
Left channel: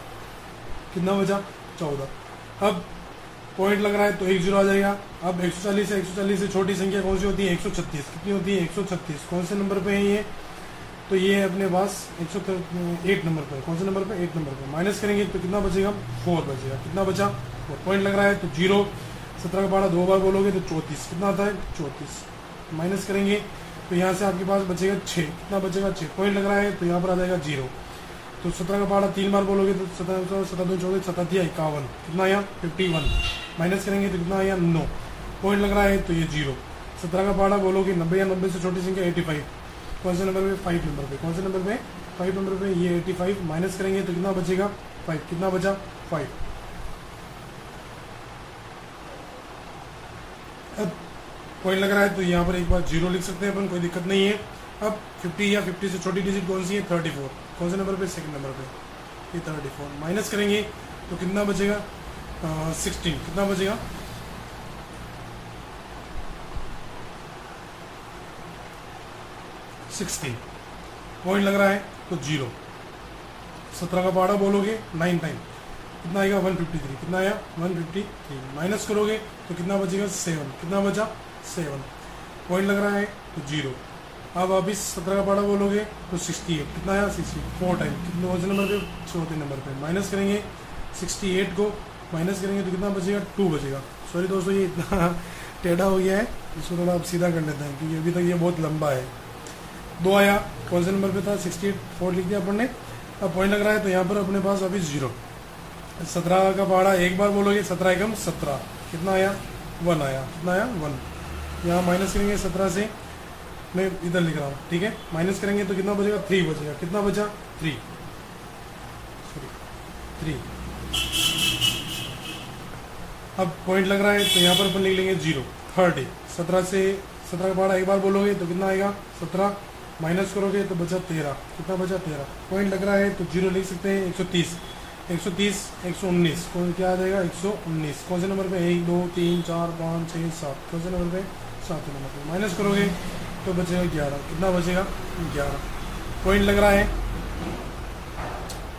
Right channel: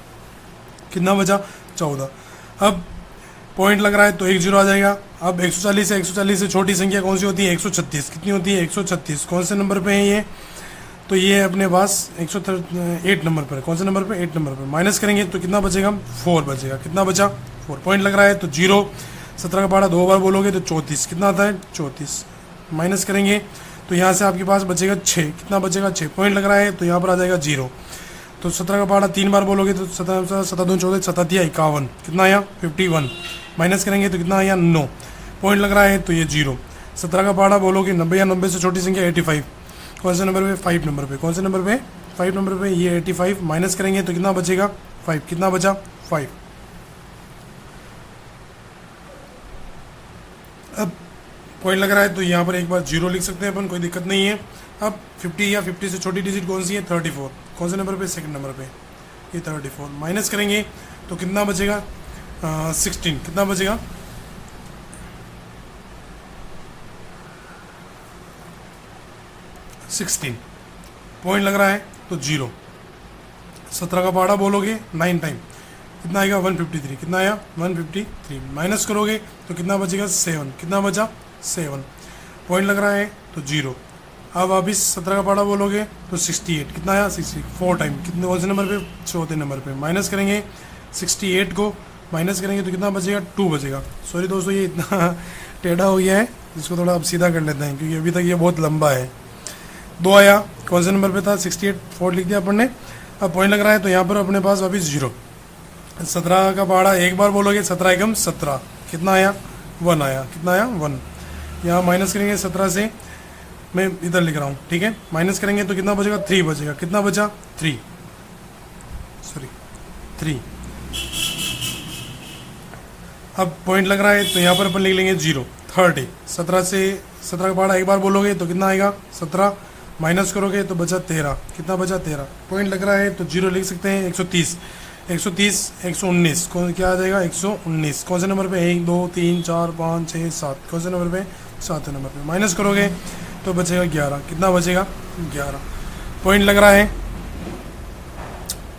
कितना बचा 14। अब पॉइंट लग रहा है तो 1 0 आ जाएगा। अब 140 से छोटी संख्या कौन सी होती है, 136। कितनी होती है 136, कौन से नंबर पे है ये, तो ये अपने पास 108 नंबर पर है। कौन से नंबर पे, 8 नंबर पर। माइनस करेंगे तो कितना बचेगा 4 बचेगा। कितना बचा 4, पॉइंट लग रहा है तो 0। 17 का पहाड़ा 2 बार बोलोगे तो 34, कितना आता है 34। माइनस करेंगे तो यहाँ से आपके पास बचेगा 6, कितना बचेगा 6, पॉइंट लग रहा है तो यहाँ पर आ जाएगा 0। तो 17 का पहाड़ा 3 बार बोलोगे तो 17 2 14 17 51, कितना आया 51। माइनस करेंगे तो कितना आया 9, पॉइंट लग रहा है तो ये 0। 17 का पहाड़ा बोलोगे 90 या 90 से छोटी संख्या 85, कौन से नंबर पे, 5 नंबर पे। कौन से नंबर पे, 5 नंबर पे, ये 85। माइनस करेंगे तो कितना बचेगा 5, कितना बचा 5। अब पॉइंट लग रहा है तो यहाँ पर एक बार 0 लिख सकते हैं अपन, कोई दिक्कत नहीं है। अब 50 या 50 से छोटी डिजिट कौन सी है? 34। कौन से नंबर पे? सेकंड नंबर पे, ये 34। माइनस करेंगे तो कितना बचेगा? 16। कितना बचेगा? 16। पॉइंट लग रहा है तो 0। 17 का पहाड़ा बोलोगे 9 टाइम, कितना आएगा? 153। कितना आया? 153। माइनस करोगे तो कितना बचेगा? 7। कितना बचा? 7। पॉइंट लग रहा है तो 0। अब वापिस 17 का पहाड़ा बोलोगे तो 68। कितना आया? 68। 4 टाइम, कितने कौन से नंबर पे? चौथे नंबर पे। माइनस करेंगे 68 को, माइनस करेंगे तो कितना बचेगा? 2 बचेगा। सॉरी दोस्तों, ये इतना टेढ़ा हो गया है, इसको थोड़ा अब सीधा कर लेते हैं क्योंकि अभी तक ये बहुत लंबा है। 2 आया, कौन से नंबर पे था? 68। 4 लिख दिया अपन ने। अब पॉइंट लग रहा है तो यहाँ पर अपने पास वापिस 0। 17 का पहाड़ा एक बार बोलोगे, 17 एकम 17। कितना आया? 1 आया। कितना आया? 1। यहाँ माइनस करेंगे 17 से, मैं इधर लिख रहा हूँ, ठीक है। माइनस करेंगे तो कितना बचेगा? 3 बचेगा। कितना बचा? 3। सॉरी 3। अब पॉइंट लग रहा है तो यहाँ पर अपन लिख लेंगे 0। 30। 17 से 17 का पहाड़ा एक बार बोलोगे तो कितना आएगा? 17। माइनस करोगे तो बचा 13। कितना बचा? 13। पॉइंट लग रहा है तो 0 लिख सकते हैं। 130। 130 119 कौन क्या आ जाएगा? 119। कौन से नंबर पे? 1 2 3 4 5 6 7। कौन से नंबर पे? 7 नंबर पे। माइनस करोगे तो बचेगा 11। कितना बचेगा? 11। पॉइंट लग रहा है,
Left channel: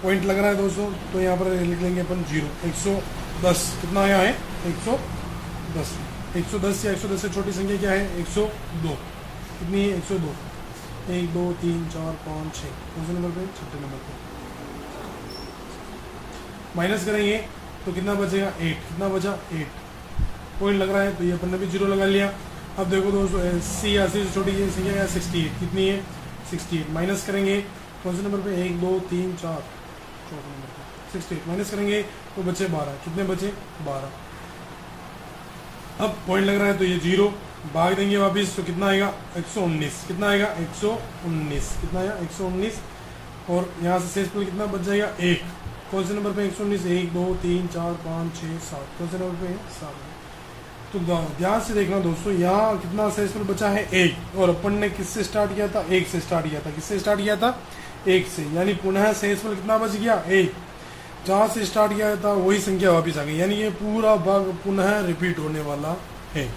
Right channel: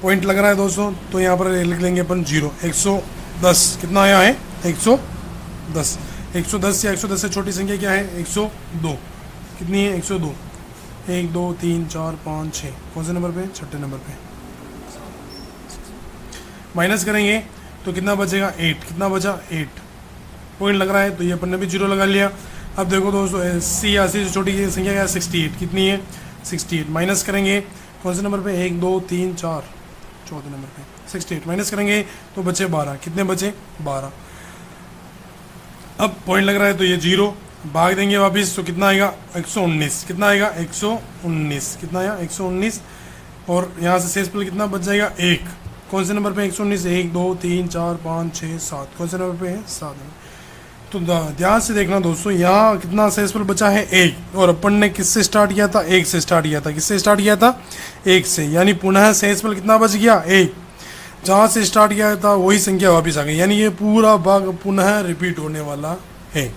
पॉइंट लग रहा है दोस्तों, तो यहाँ पर लिख लेंगे अपन 0। 110। कितना आया है? 110। 110 या 110 से छोटी संख्या क्या है? 102। कितनी है? 102। 1 2 3 4 5 6। कौन से नंबर पे? छठे नंबर पे। माइनस करेंगे तो कितना बचेगा? 8। कितना बचा? 8। पॉइंट लग रहा है तो ये अपन ने भी 0 लगा लिया। अब देखो दोस्तों, 80 या 80 से छोटी संख्या क्या है? 68। कितनी है? 68। माइनस करेंगे कौन से नंबर पे? 1 2 3 4, चौथे नंबर पे 68। माइनस करेंगे तो बचे 12। कितने बचे? 12। अब पॉइंट लग रहा है तो ये 0। भाग देंगे वापस तो कितना आएगा? 119। कितना आएगा? 119। कितना आया? 119। और यहाँ से शेषफल कितना बच जाएगा? 1। कौन से नंबर पे? 119। 1 2 3 4 5 6 7। कौन से नंबर पे है? 7। तो ध्यान से देखना दोस्तों, यहाँ कितना शेषफल बचा है? 1। और अपन ने किससे स्टार्ट किया था? 1 से स्टार्ट किया था। किससे स्टार्ट किया था? 1 से। यानी पुनः शेषफल कितना बच गया? 1। जहाँ से स्टार्ट किया था वही संख्या वापस आ गई, यानी ये पूरा भाग पुनः रिपीट होने वाला है।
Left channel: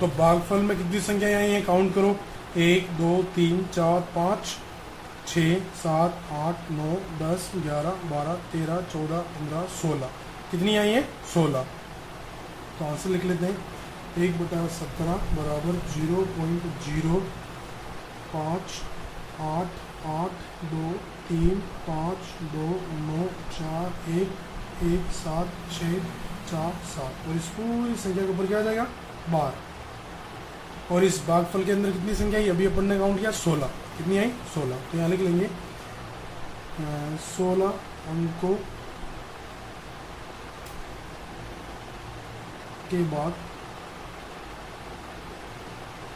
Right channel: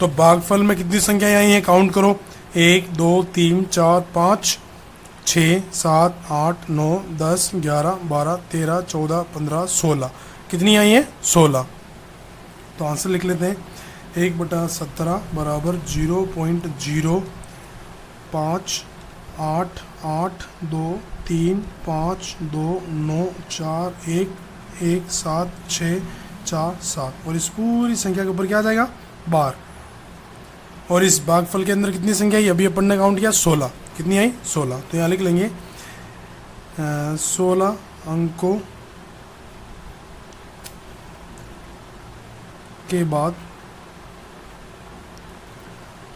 तो भागफल में कितनी संख्याएं आई हैं? काउंट करो। 1 2 3 4 5 6 7 8 9 10 11 12 13 14 15 16। कितनी आई हैं? 16। तो आंसर लिख लेते हैं। 1/17 बराबर 0.05 8 8 2 3 5 2 9 4 1 1 7 6 4 7। और इस पूरी संख्या के ऊपर क्या आ जाएगा? बार। और इस भागफल के अंदर कितनी संख्या आई? अभी अपन ने काउंट किया 16। कितनी आई? 16। तो यहाँ लिख लेंगे 16 अंकों के बाद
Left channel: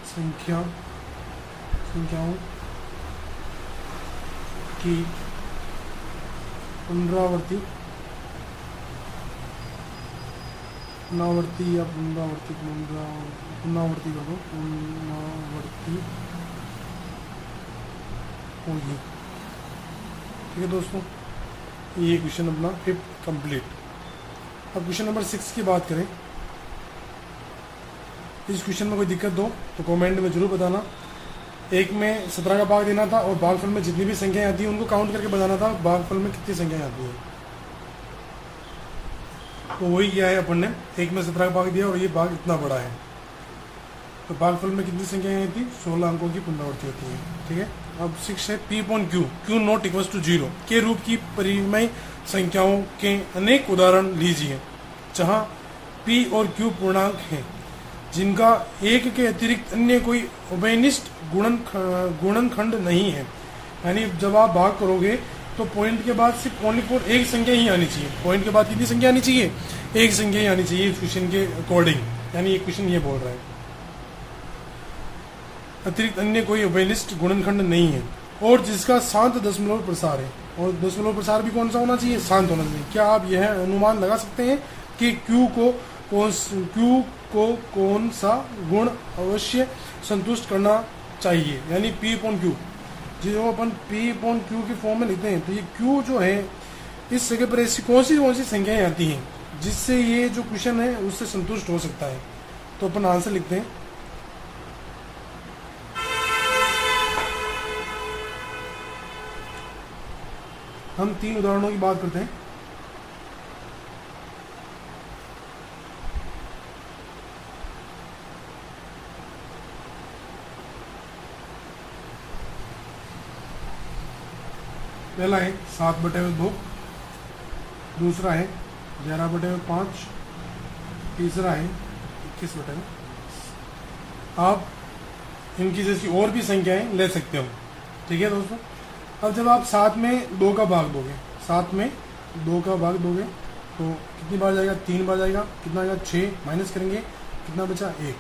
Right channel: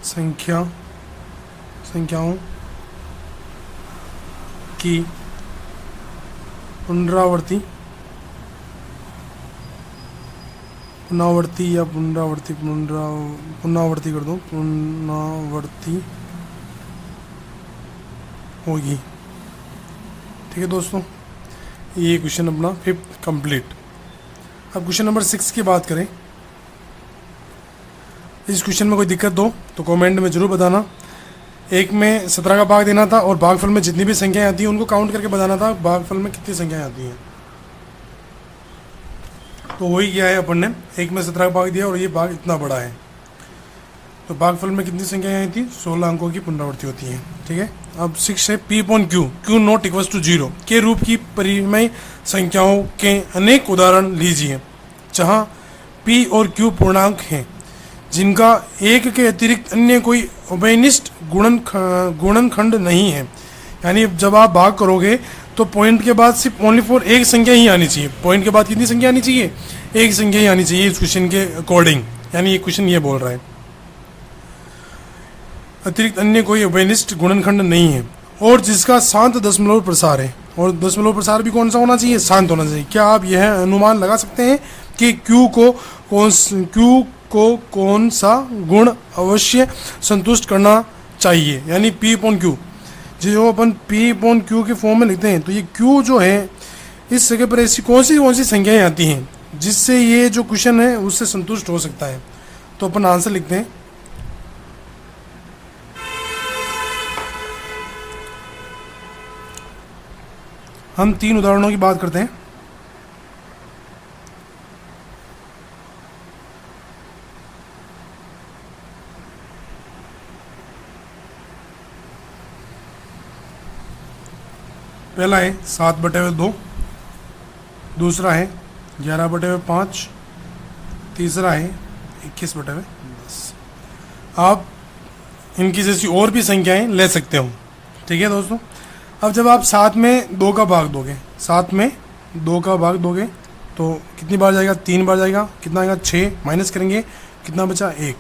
संख्याओं की पुनरावृत्ति या पुनरावृत्ति कर दो, पुनरावृत्ति होगी। ठीक है दोस्तों, ये क्वेश्चन अपना 5th कंप्लीट। अब क्वेश्चन नंबर 6 की बात करें। इस क्वेश्चन में कोई दिक्कत हो तो कमेंट में ज़रूर बताना। एक में 17 का भाग देना था और भागफल में जितनी भी संख्याएं आती हैं उनको काउंट करके बताना था भागफल में कितनी संख्याएं आती हैं। तो वही किया है अपन ने। एक में 17 का भाग दिया और ये भाग इतना बड़ा है, तो भागफल में कितनी संख्याएं आई थी? 16 अंकों की पुनरावृत्ति होती है। ठीक है। अब 6 है P/Q नॉट इक्वल्स टू 0 के रूप की परिमेय संख्याओं के अनेक उदाहरण लीजिए जहाँ P और Q पूर्णांक हैं जिनका एक के अतिरिक्त अन्य कोई उभयनिष्ठ गुणनखंड नहीं है। यानी जब आप भाग करोगे तो पॉइंट के बाद सिर्फ ओनली फॉर एक संख्या ही आनी चाहिए। पॉइंट के बाद कितनी संख्या आनी चाहिए? एक संख्या ही आनी चाहिए इस क्वेश्चन के अकॉर्डिंग। यानी ये क्वेश्चन ये बोल रहा है अतिरिक्त अन्य कोई उभयनिष्ठ गुणनखंड नहीं है और जिसका शांत दशमलव प्रसार है। और दशमलव प्रसार भी कौन सा होना चाहिए? शांत होना चाहिए। क्या आप यह अनुमान लगा सकते हैं कि Q को कौन सा गुण अवश्य संतुष्ट करना चाहिए, यानी P अपॉन Q। जो अपन P अपॉन Q के फॉर्म में लिखते हैं तो ये Q जो है इस जगह पर ऐसी कौन सी संख्याएं आती हैं जिससे ये जो क्वेश्चन है उससे संतुष्ट हो सकता है। तो अपन आंसर लिखते हैं। हम 3 उदाहरणों की बात करते हैं। पहला है 7/2, दूसरा है 11/5, तीसरा है 21/10। आप इनकी जैसी और भी संख्याएं ले सकते हो, ठीक है दोस्तों। अब जब आप 7 में 2 का भाग दोगे, 7 में 2 का भाग दोगे तो कितनी बार जाएगा, 3 बार जाएगा। कितना आएगा, 6 माइनस करेंगे, कितना बचा, 1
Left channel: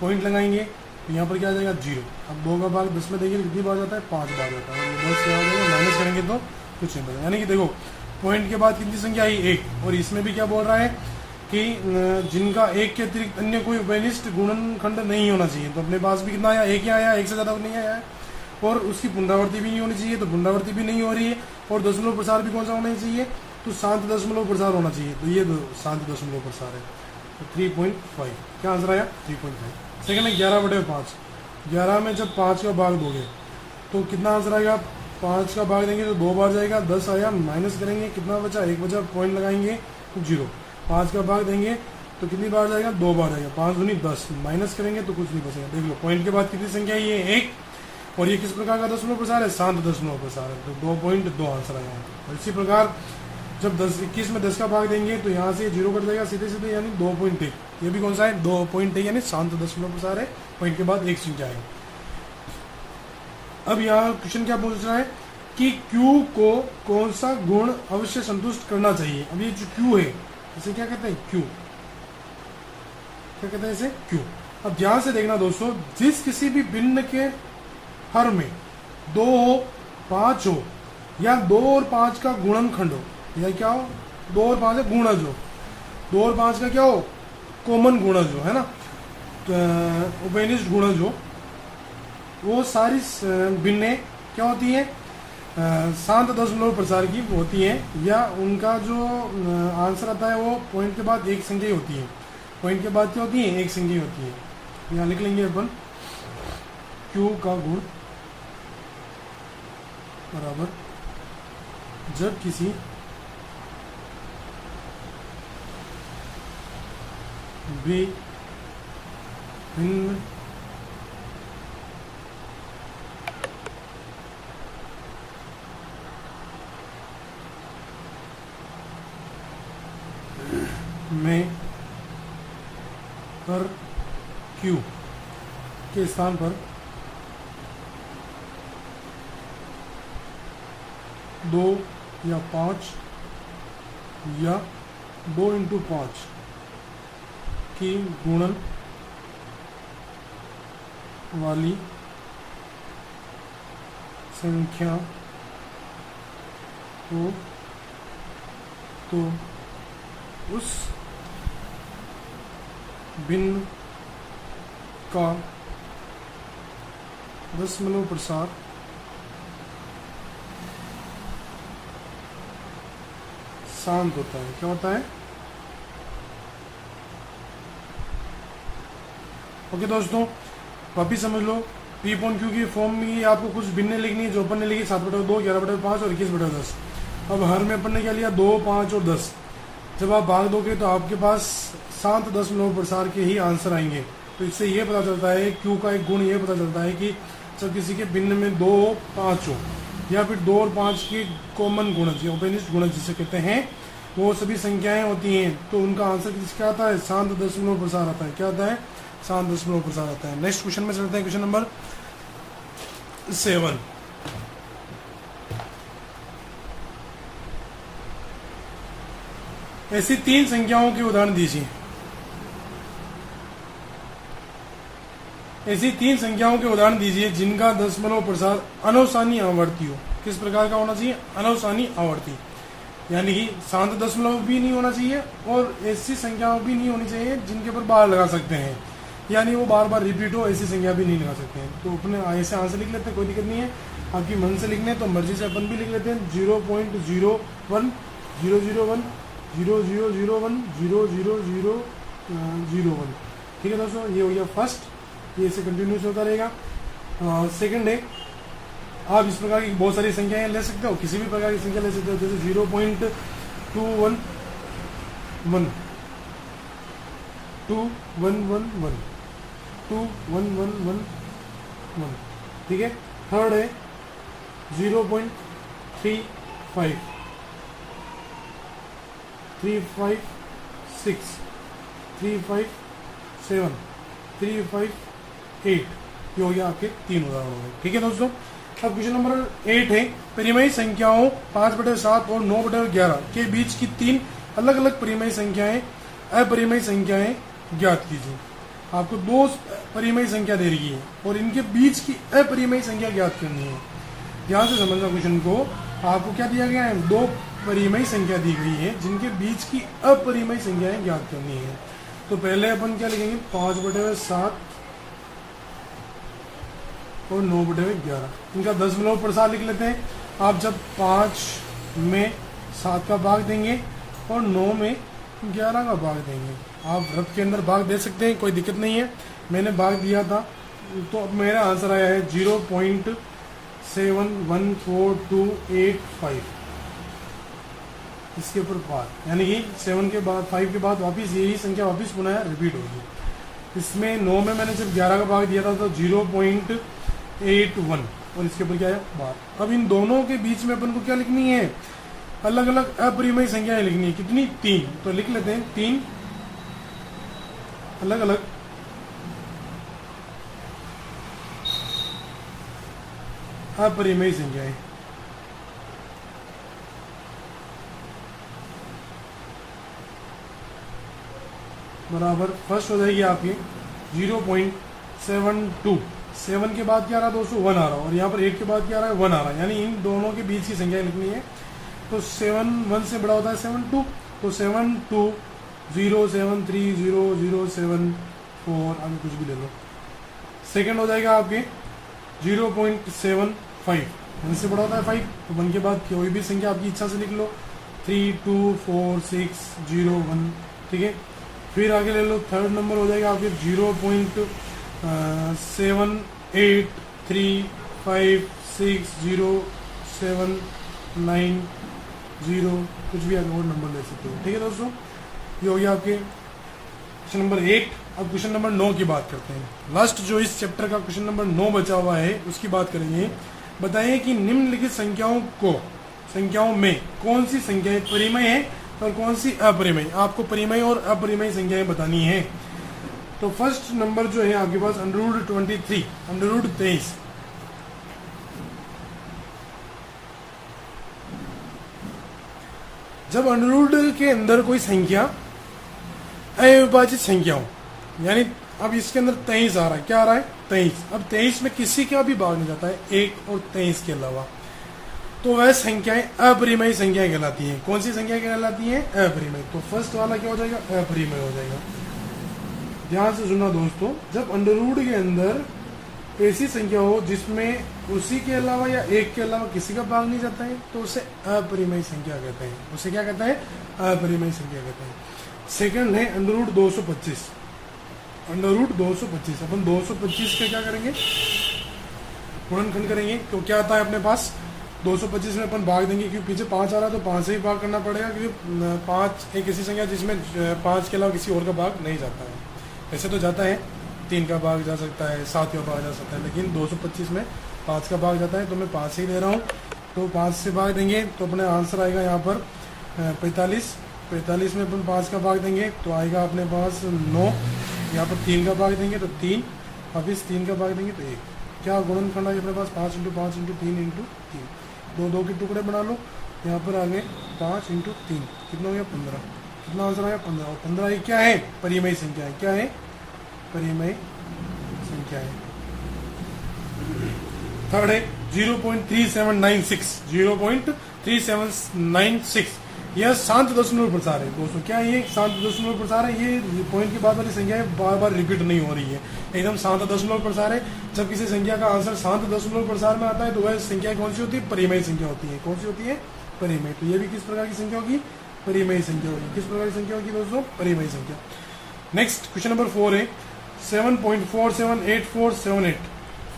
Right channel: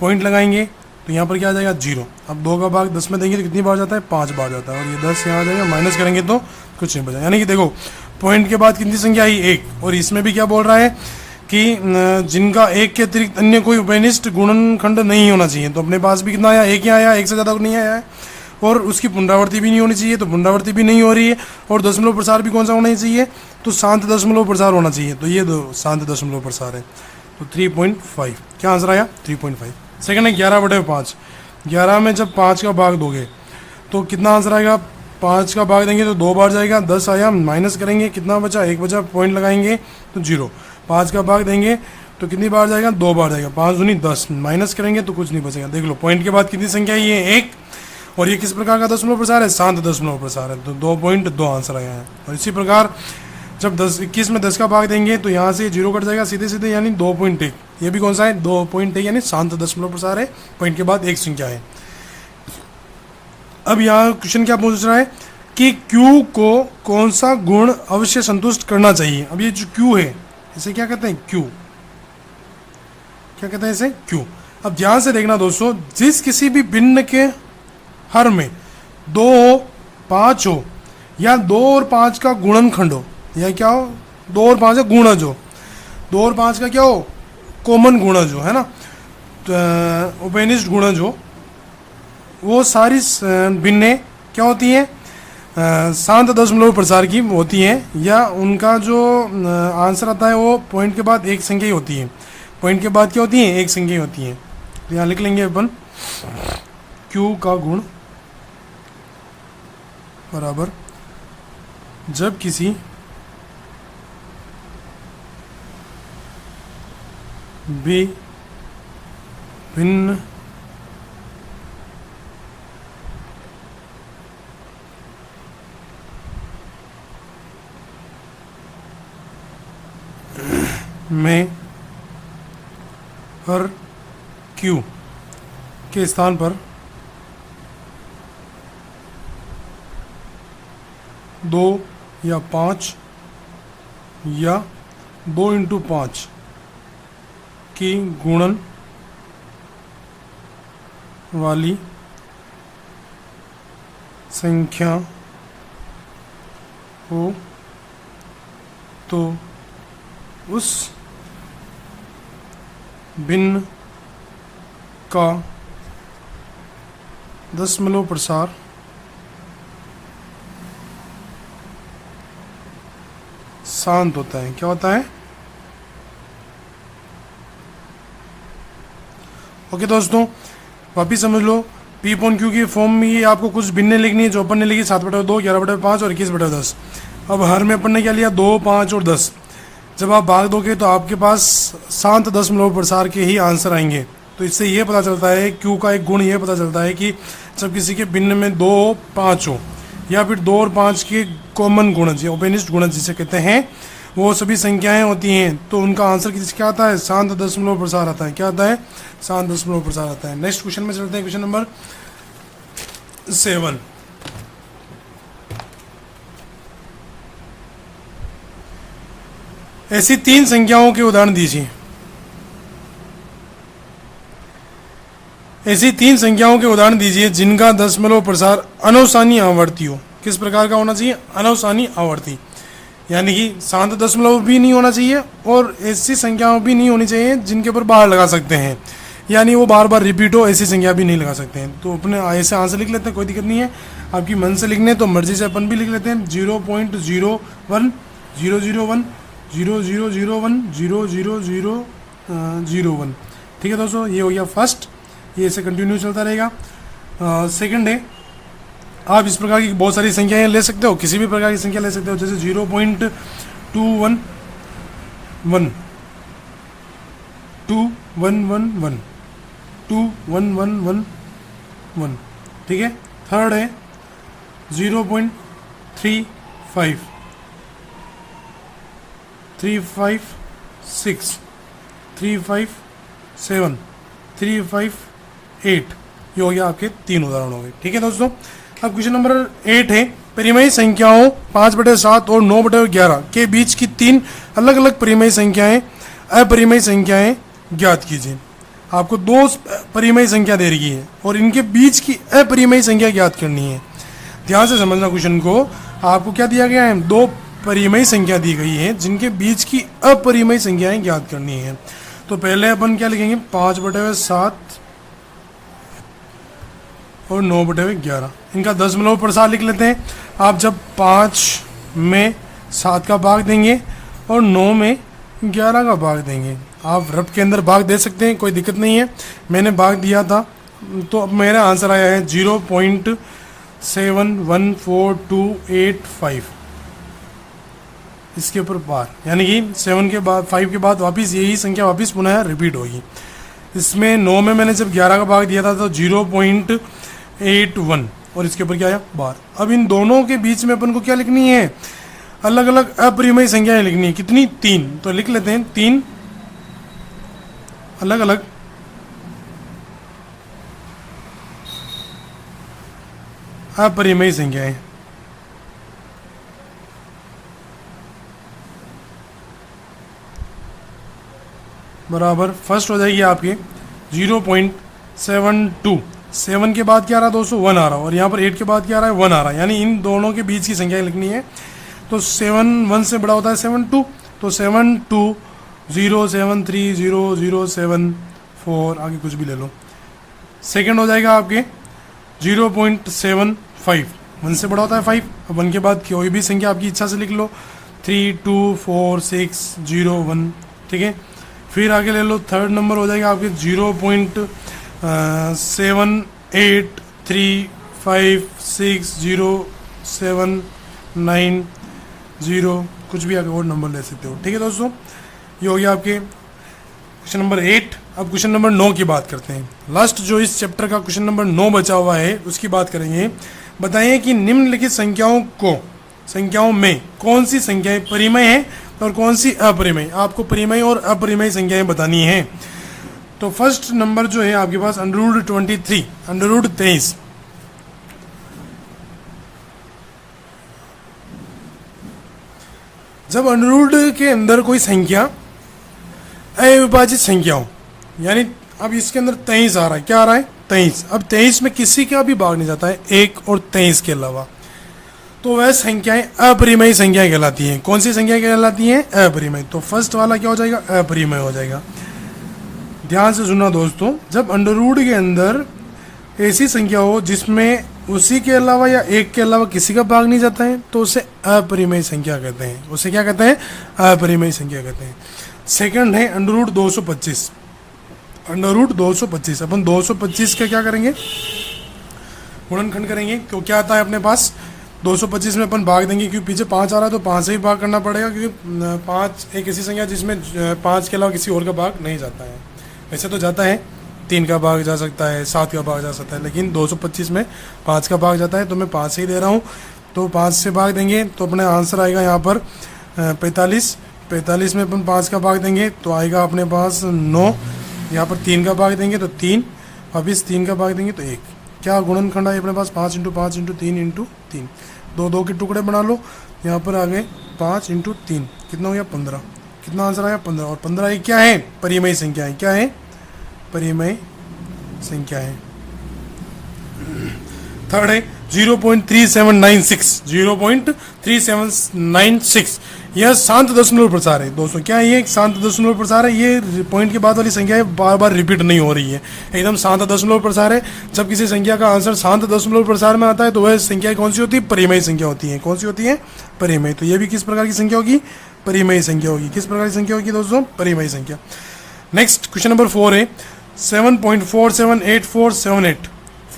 पॉइंट लगाएंगे तो यहाँ पर क्या आ जाएगा, 0। अब 2 का भाग 10 में देंगे तो कितनी बार जाता है, 5 बार जाता है। और ये 10 यहाँ आ जाएगा, माइनस करेंगे तो कुछ नहीं बचा। यानी कि देखो पॉइंट के बाद कितनी संख्या आई, 1। और इसमें भी क्या बोल रहा है कि जिनका 1 के अतिरिक्त अन्य कोई उभयनिष्ठ गुणनखंड नहीं होना चाहिए। तो अपने पास भी कितना आया, 1 ही आया, 1 से ज़्यादा नहीं आया है। और उसकी पुनरावृत्ति भी नहीं होनी चाहिए, तो पुनरावृत्ति भी नहीं हो रही है। और दशमलव प्रसार भी कौन सा होना चाहिए, तो शांत दशमलव प्रसार होना चाहिए। तो ये दो शांत दशमलव प्रसार है, तो 3.5 क्या आंसर आया, 3.5। सेकंड है 11/5। 11 में जब 5 का भाग दोगे तो कितना आंसर आएगा, 5 का भाग देंगे तो 2 बार जाएगा, 10 आया, माइनस करेंगे, कितना बचा, 1 बचा, पॉइंट लगाएंगे तो 0। 5 का भाग देंगे तो कितनी बार जाएगा, 2 बार जाएगा, 5 दूनी 10, माइनस करेंगे तो कुछ नहीं बचेगा। देख लो पॉइंट के बाद कितनी संख्या है, ये 1। और ये किस प्रकार का दशमलव प्रसार है, शांत दशमलव प्रसार है, तो 2.2 आंसर आया है। और इसी प्रकार जब 21 में 10 का भाग देंगे तो यहाँ से 0 कट जाएगा सीधे सीधे, यानी 2.1। ये भी कौन सा है, 2.1, यानी शांत दशमलव प्रसार है। पॉइंट के बाद एक संख्या है। अब यहाँ क्वेश्चन क्या पूछ रहा है कि Q को कौन सा गुण अवश्य संतुष्ट करना चाहिए। अब ये जो Q है इसे क्या कहते हैं, Q क्या कहते हैं, इसे Q। अब ध्यान से देखना दोस्तों, जिस किसी भी भिन्न के हर में 2 हो, 5 हो, या 2 और 5 का गुणनखंड हो, या क्या हो, 2 और 5 का गुणज हो, 2 और 5 का क्या हो, कॉमन गुणज हो, है ना, तो उभयनिष्ठ गुणज हो, वो सारी भिन्नें क्या होती हैं, शांत दशमलव प्रसार की होती हैं, या उनका जो आंसर आता है वो पॉइंट के बाद एक संख्या ही होती है। पॉइंट के बाद क्या होती है, एक संख्या ही होती है। तो यहाँ लिख लेंगे अपन Q का गुण बराबर जब किसी भी भिन्न में हर Q के स्थान पर 2 या 5 या 2 इंटू 5 की गुणन वाली संख्या हो तो उस भिन्न का दशमलव प्रसार शांत होता है। क्या होता है, ओके दोस्तों, वापिस समझ लो। P अपॉन Q की फॉर्म में ये आपको कुछ भिन्न लिखनी है, जो अपन ने लिखी 7/2, 11/5 और 21/10। अब हर में अपन ने क्या लिया, 2, 5 और 10। जब आप भाग दोगे तो आपके पास शांत दशमलव प्रसार के ही आंसर आएंगे। तो इससे ये पता चलता है, Q का एक गुण ये पता चलता है कि जब किसी के भिन्न में 2, 5 हो, या फिर 2 और 5 के कॉमन गुणज या उभयनिष्ठ गुणज जिसे कहते हैं, वो सभी संख्याएं होती हैं, तो उनका आंसर क्या आता है, शांत दशमलव प्रसार आता है। क्या आता है, शांत दशमलव प्रसार आता है। नेक्स्ट क्वेश्चन में चलते हैं, क्वेश्चन नंबर 7। ऐसी 3 संख्याओं के उदाहरण दीजिए। ऐसी 3 संख्याओं के उदाहरण दीजिए जिनका दशमलव प्रसार अनवसानी आवर्ती हो। किस प्रकार का होना चाहिए, अनवसानी आवर्ती। यानी कि शांत दशमलव भी नहीं होना चाहिए और ऐसी संख्याओं भी नहीं होनी चाहिए जिनके ऊपर बार लगा सकते हैं, यानी वो बार बार रिपीट हो ऐसी संख्या भी नहीं लगा सकते हैं। तो अपने ऐसे आंसर लिख लेते हैं, कोई दिक्कत नहीं है। आपकी मन से लिखने तो मर्जी से अपन भी लिख लेते हैं 0.01 001 000 00001। ठीक है दोस्तों, ये हो गया फर्स्ट, ये ऐसे कंटिन्यू चलता रहेगा। सेकंड है, आप इस प्रकार की बहुत सारी संख्याएं ले सकते हो, किसी भी प्रकार की संख्या ले सकते हो, जैसे 0.211 2111 2111। ठीक है। थर्ड है 0.35 356 357 358। ये हो गया आपके 3 उदाहरण हो गए। ठीक है दोस्तों, अब क्वेश्चन नंबर 8 है, परिमेय संख्याओं 5/7 और 9/11 के बीच की 3 अलग अलग परिमेय संख्याएं अपरिमेय संख्याएं ज्ञात कीजिए। आपको 2 परिमेय संख्या दे रही है और इनके बीच की अपरिमेय संख्या ज्ञात करनी है। ध्यान से समझना क्वेश्चन को। आपको क्या दिया गया है, 2 परिमेय संख्या दी गई है जिनके बीच की अपरिमेय संख्याएं ज्ञात करनी है। तो पहले अपन क्या लिखेंगे, 5/7 और 9/11। इनका दशमलव प्रसार लिख लेते हैं। आप जब 5 में 7 का भाग देंगे और 9 में 11 का भाग देंगे, आप रफ के अंदर भाग दे सकते हैं, कोई दिक्कत नहीं है। मैंने भाग दिया था तो अब मेरा आंसर आया है 0.714285। इसके ऊपर बार, यानी कि 7 के बाद 5 के बाद वापस यही संख्या वापस पुनः रिपीट होगी। इसमें 9 में मैंने जब 11 का भाग दिया था तो 0.81 और इसके ऊपर क्या आया, बार। अब इन दोनों के बीच में अपन को क्या लिखनी है, अलग अलग अपरिमेय संख्याएं लिखनी है। कितनी, 3। तो लिख लेते हैं 3 अलग अलग अपरिमेय संख्याएं। बराबर फर्स्ट हो जाएगी आपकी 0.72। 7 के बाद क्या आ रहा है दोस्तों, 1 आ रहा है, और यहाँ पर 8 के बाद क्या आ रहा है, 1 आ रहा है, यानी इन दोनों के बीच की संख्या लिखनी है। तो 7 1 से बड़ा होता है 72, तो 72073007 आगे कुछ भी ले लो। सेकंड हो जाएगा आपके 0.75, 1 से बड़ा होता है 5, अब 1 के बाद कोई भी संख्या आपकी इच्छा से लिख लो, 324601। ठीक है। फिर आगे ले लो, थर्ड नंबर हो जाएगा आपके 0.78356079 कुछ भी आगे और नंबर ले सकते हो। ठीक है दोस्तों, ये हो गया आपके क्वेश्चन नंबर 8। अब क्वेश्चन नंबर 9 की बात करते हैं। लास्ट जो इस चैप्टर का क्वेश्चन नंबर 9 बचा हुआ है उसकी बात करेंगे। बताइए कि निम्नलिखित संख्याओं में कौन सी संख्याएं परिमेय है और कौन सी अपरिमेय। आपको परिमेय और अपरिमेय संख्याएं बतानी है। तो फर्स्ट नंबर जो है आपके पास √23, √23। जब अंडररूट के अंदर कोई संख्या अविभाजित संख्या हो, यानी अब इसके अंदर 23 आ रहा है, क्या आ रहा है, 23। अब 23 में किसी का भी भाग नहीं जाता है 1 और 23 के अलावा, तो वह संख्याएं अपरिमेय संख्याएं कहलाती हैं। कौन सी संख्याएं कहलाती हैं, अपरिमेय। तो फर्स्ट वाला क्या हो जाएगा, अपरिमेय हो जाएगा। ध्यान से सुनना दोस्तों, जब अंडररूट के अंदर ऐसी संख्या हो जिसमें उसी के अलावा या 1 के अलावा किसी का भाग नहीं जाता है तो उसे अपरिमेय संख्या कहते हैं। उसे क्या कहते हैं, अपरिमेय संख्या कहते हैं। सेकंड है √225। √225 अपन 225 का क्या करेंगे, गुणनखंड करेंगे। क्यों, क्या आता है अपने पास, 225 में अपन भाग देंगे, क्योंकि पीछे 5 आ रहा है तो 5 से ही भाग करना पड़ेगा, क्योंकि 5 एक ऐसी संख्या जिसमें 5 के अलावा किसी और का भाग नहीं जाता है। वैसे तो जाता है, 3 का भाग जा सकता है, 7 का भाग जा सकता है, लेकिन 225 में 5 का भाग जाता है, तो मैं 5 से ही दे रहा हूँ। तो 5 से भाग देंगे तो अपने आंसर आएगा यहाँ पर 45। 45 में अपन 5 का भाग देंगे तो आएगा अपने पास 9। यहाँ पर 3 का भाग देंगे तो 3, वापिस 3 का भाग देंगे तो 1। क्या गुणनखंड है अपने पास, 5 × 5 × 3 × 3। 2 के टुकड़े बना लो, यहाँ पर आ गए 5 × 3, कितना हो गया, 15। कितना आंसर आया, 15। और 15 ये क्या है, परिमेय संख्या है। क्या है, परिमेय संख्या है। थर्ड है 0.3796, 0.3796, यह शांत दशमलव प्रसार है दोस्तों। क्या ये एक शांत दशमलव प्रसार है? ये पॉइंट के बाद वाली संख्या बार बार रिपीट नहीं हो रही है, एकदम शांत दशमलव प्रसार है। जब किसी संख्या का आंसर शांत दशमलव प्रसार में आता है तो वह संख्या कौन सी होती है? परिमेय संख्या होती है। कौन सी होती है? परिमेय। तो ये भी किस प्रकार की संख्या होगी? परिमेय संख्या होगी। किस प्रकार की संख्या होगी दोस्तों? परिमेय संख्या। नेक्स्ट क्वेश्चन नंबर 4 है 7.478478,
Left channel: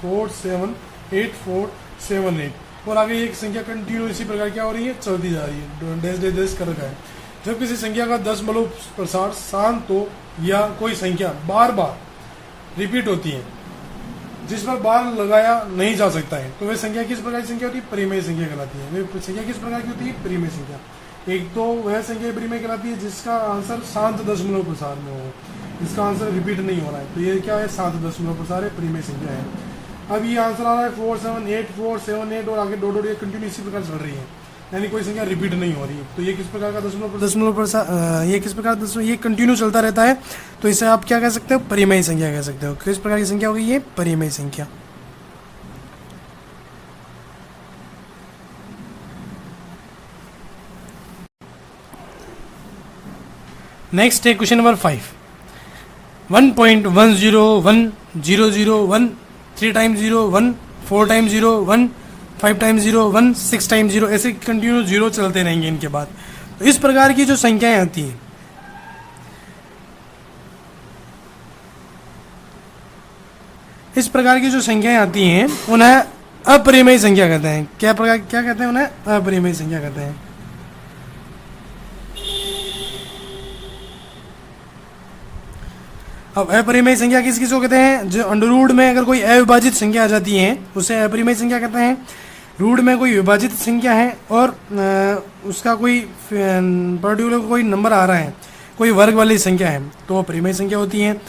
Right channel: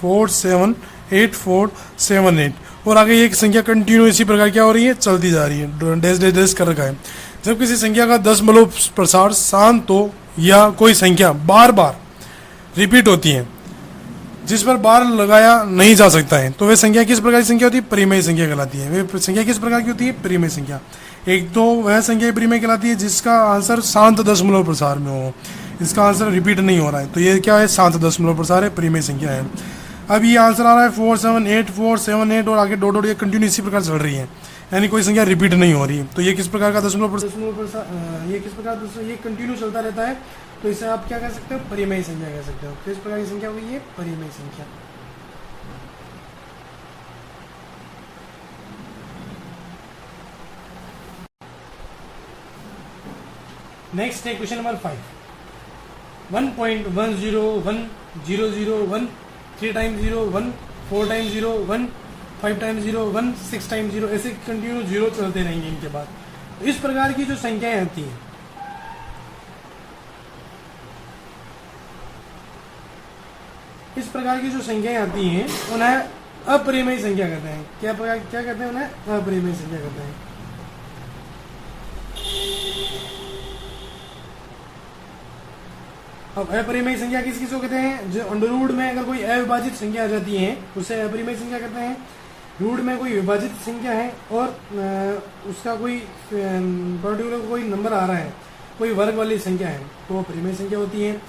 478478, और आगे एक संख्या कंटिन्यू इसी प्रकार क्या हो रही है? चलती जा रही है, डैश डैश डैश कर रखा है। जब किसी संख्या का दशमलव प्रसार शांत हो या कोई संख्या बार बार रिपीट होती है जिस पर बार लगाया नहीं जा सकता है तो वह संख्या किस प्रकार की संख्या होती है? परिमेय संख्या कहलाती है। वह संख्या किस प्रकार की होती है? परिमेय संख्या। एक तो वह संख्या परिमेय कहलाती है जिसका आंसर शांत दशमलव प्रसार में हो, इसका आंसर रिपीट नहीं हो रहा है, तो ये क्या है? शांत दशमलव प्रसार है, परिमेय संख्या है। अब ये आंसर आ रहा है 478478 और आगे डॉट डॉट ये कंटिन्यू इसी प्रकार चल रही है, यानी कोई संख्या रिपीट नहीं हो रही है। तो ये किस प्रकार का दशमलव प्रसार, ये किस प्रकार ये कंटिन्यू चलता रहता है, तो इसे आप क्या कह सकते हो? परिमेय संख्या कह सकते हो। किस प्रकार की संख्या होगी ये? परिमेय संख्या। नेक्स्ट है question number 5, 1.101001, 3 times 0 1, 4 times 0 1, 5 times 0 1, 6 times 0, ऐसे कंटिन्यू जीरो चलते रहेंगे इनके बाद। तो इस प्रकार की जो संख्याएं आती हैं, इस प्रकार की जो संख्याएं आती हैं उन्हें अपरिमेय संख्या कहते हैं। क्या कहते हैं? उन्हें अपरिमेय संख्या कहते हैं। अब अपरिमेय संख्या किस किस को कहते हैं? जो अंडर रूट में अगर कोई अविभाजित संख्या आ जाती है उसे अपरिमेय संख्या कहते हैं। रूट में कोई विभाजित संख्या है और उसका कोई पर्टिकुलर कोई नंबर आ रहा है, कोई वर्ग वाली संख्या है, तो वो परिमेय संख्या होती है।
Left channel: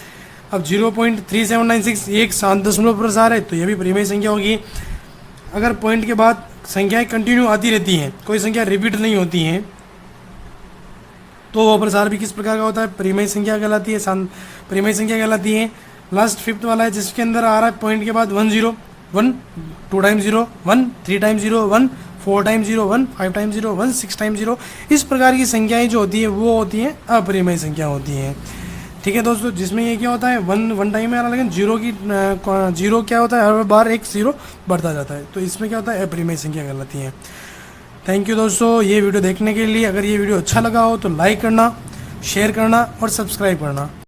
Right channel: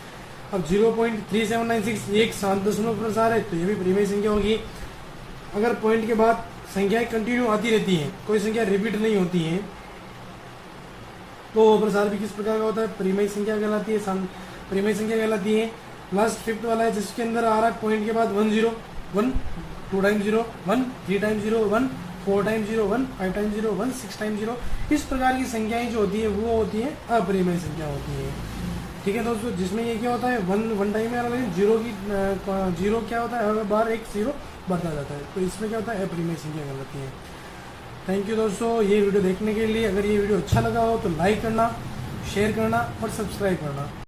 अब 0.3796 एक शांत दशमलव प्रसार है, तो ये भी परिमेय संख्या होगी। अगर पॉइंट के बाद संख्याएं कंटिन्यू आती रहती हैं, कोई संख्या रिपीट नहीं होती हैं, तो वो प्रसार भी किस प्रकार का होता है? परिमेय संख्या कहलाती है, परिमेय संख्या कहलाती है। लास्ट फिफ्थ वाला है जिसके अंदर आ रहा है पॉइंट के बाद 1 0 1, 2 times 0 1, 3 times 0 1, 4 times 0 1, 5 times 0 1, 6 times 0, इस प्रकार की संख्याएं जो होती है वो होती हैं अपरिमेय संख्या होती हैं। ठीक है दोस्तों, जिसमें ये क्या होता है? वन टाइम में आ रहा, लेकिन जीरो क्या होता है? हर बार एक 0 बढ़ता जाता है, तो इसमें क्या होता है? अपरिमेय संख्या कहलाती है। थैंक यू दोस्तों ये वीडियो देखने के लिए। अगर ये वीडियो अच्छा लगा हो तो लाइक करना, शेयर करना और सब्सक्राइब करना।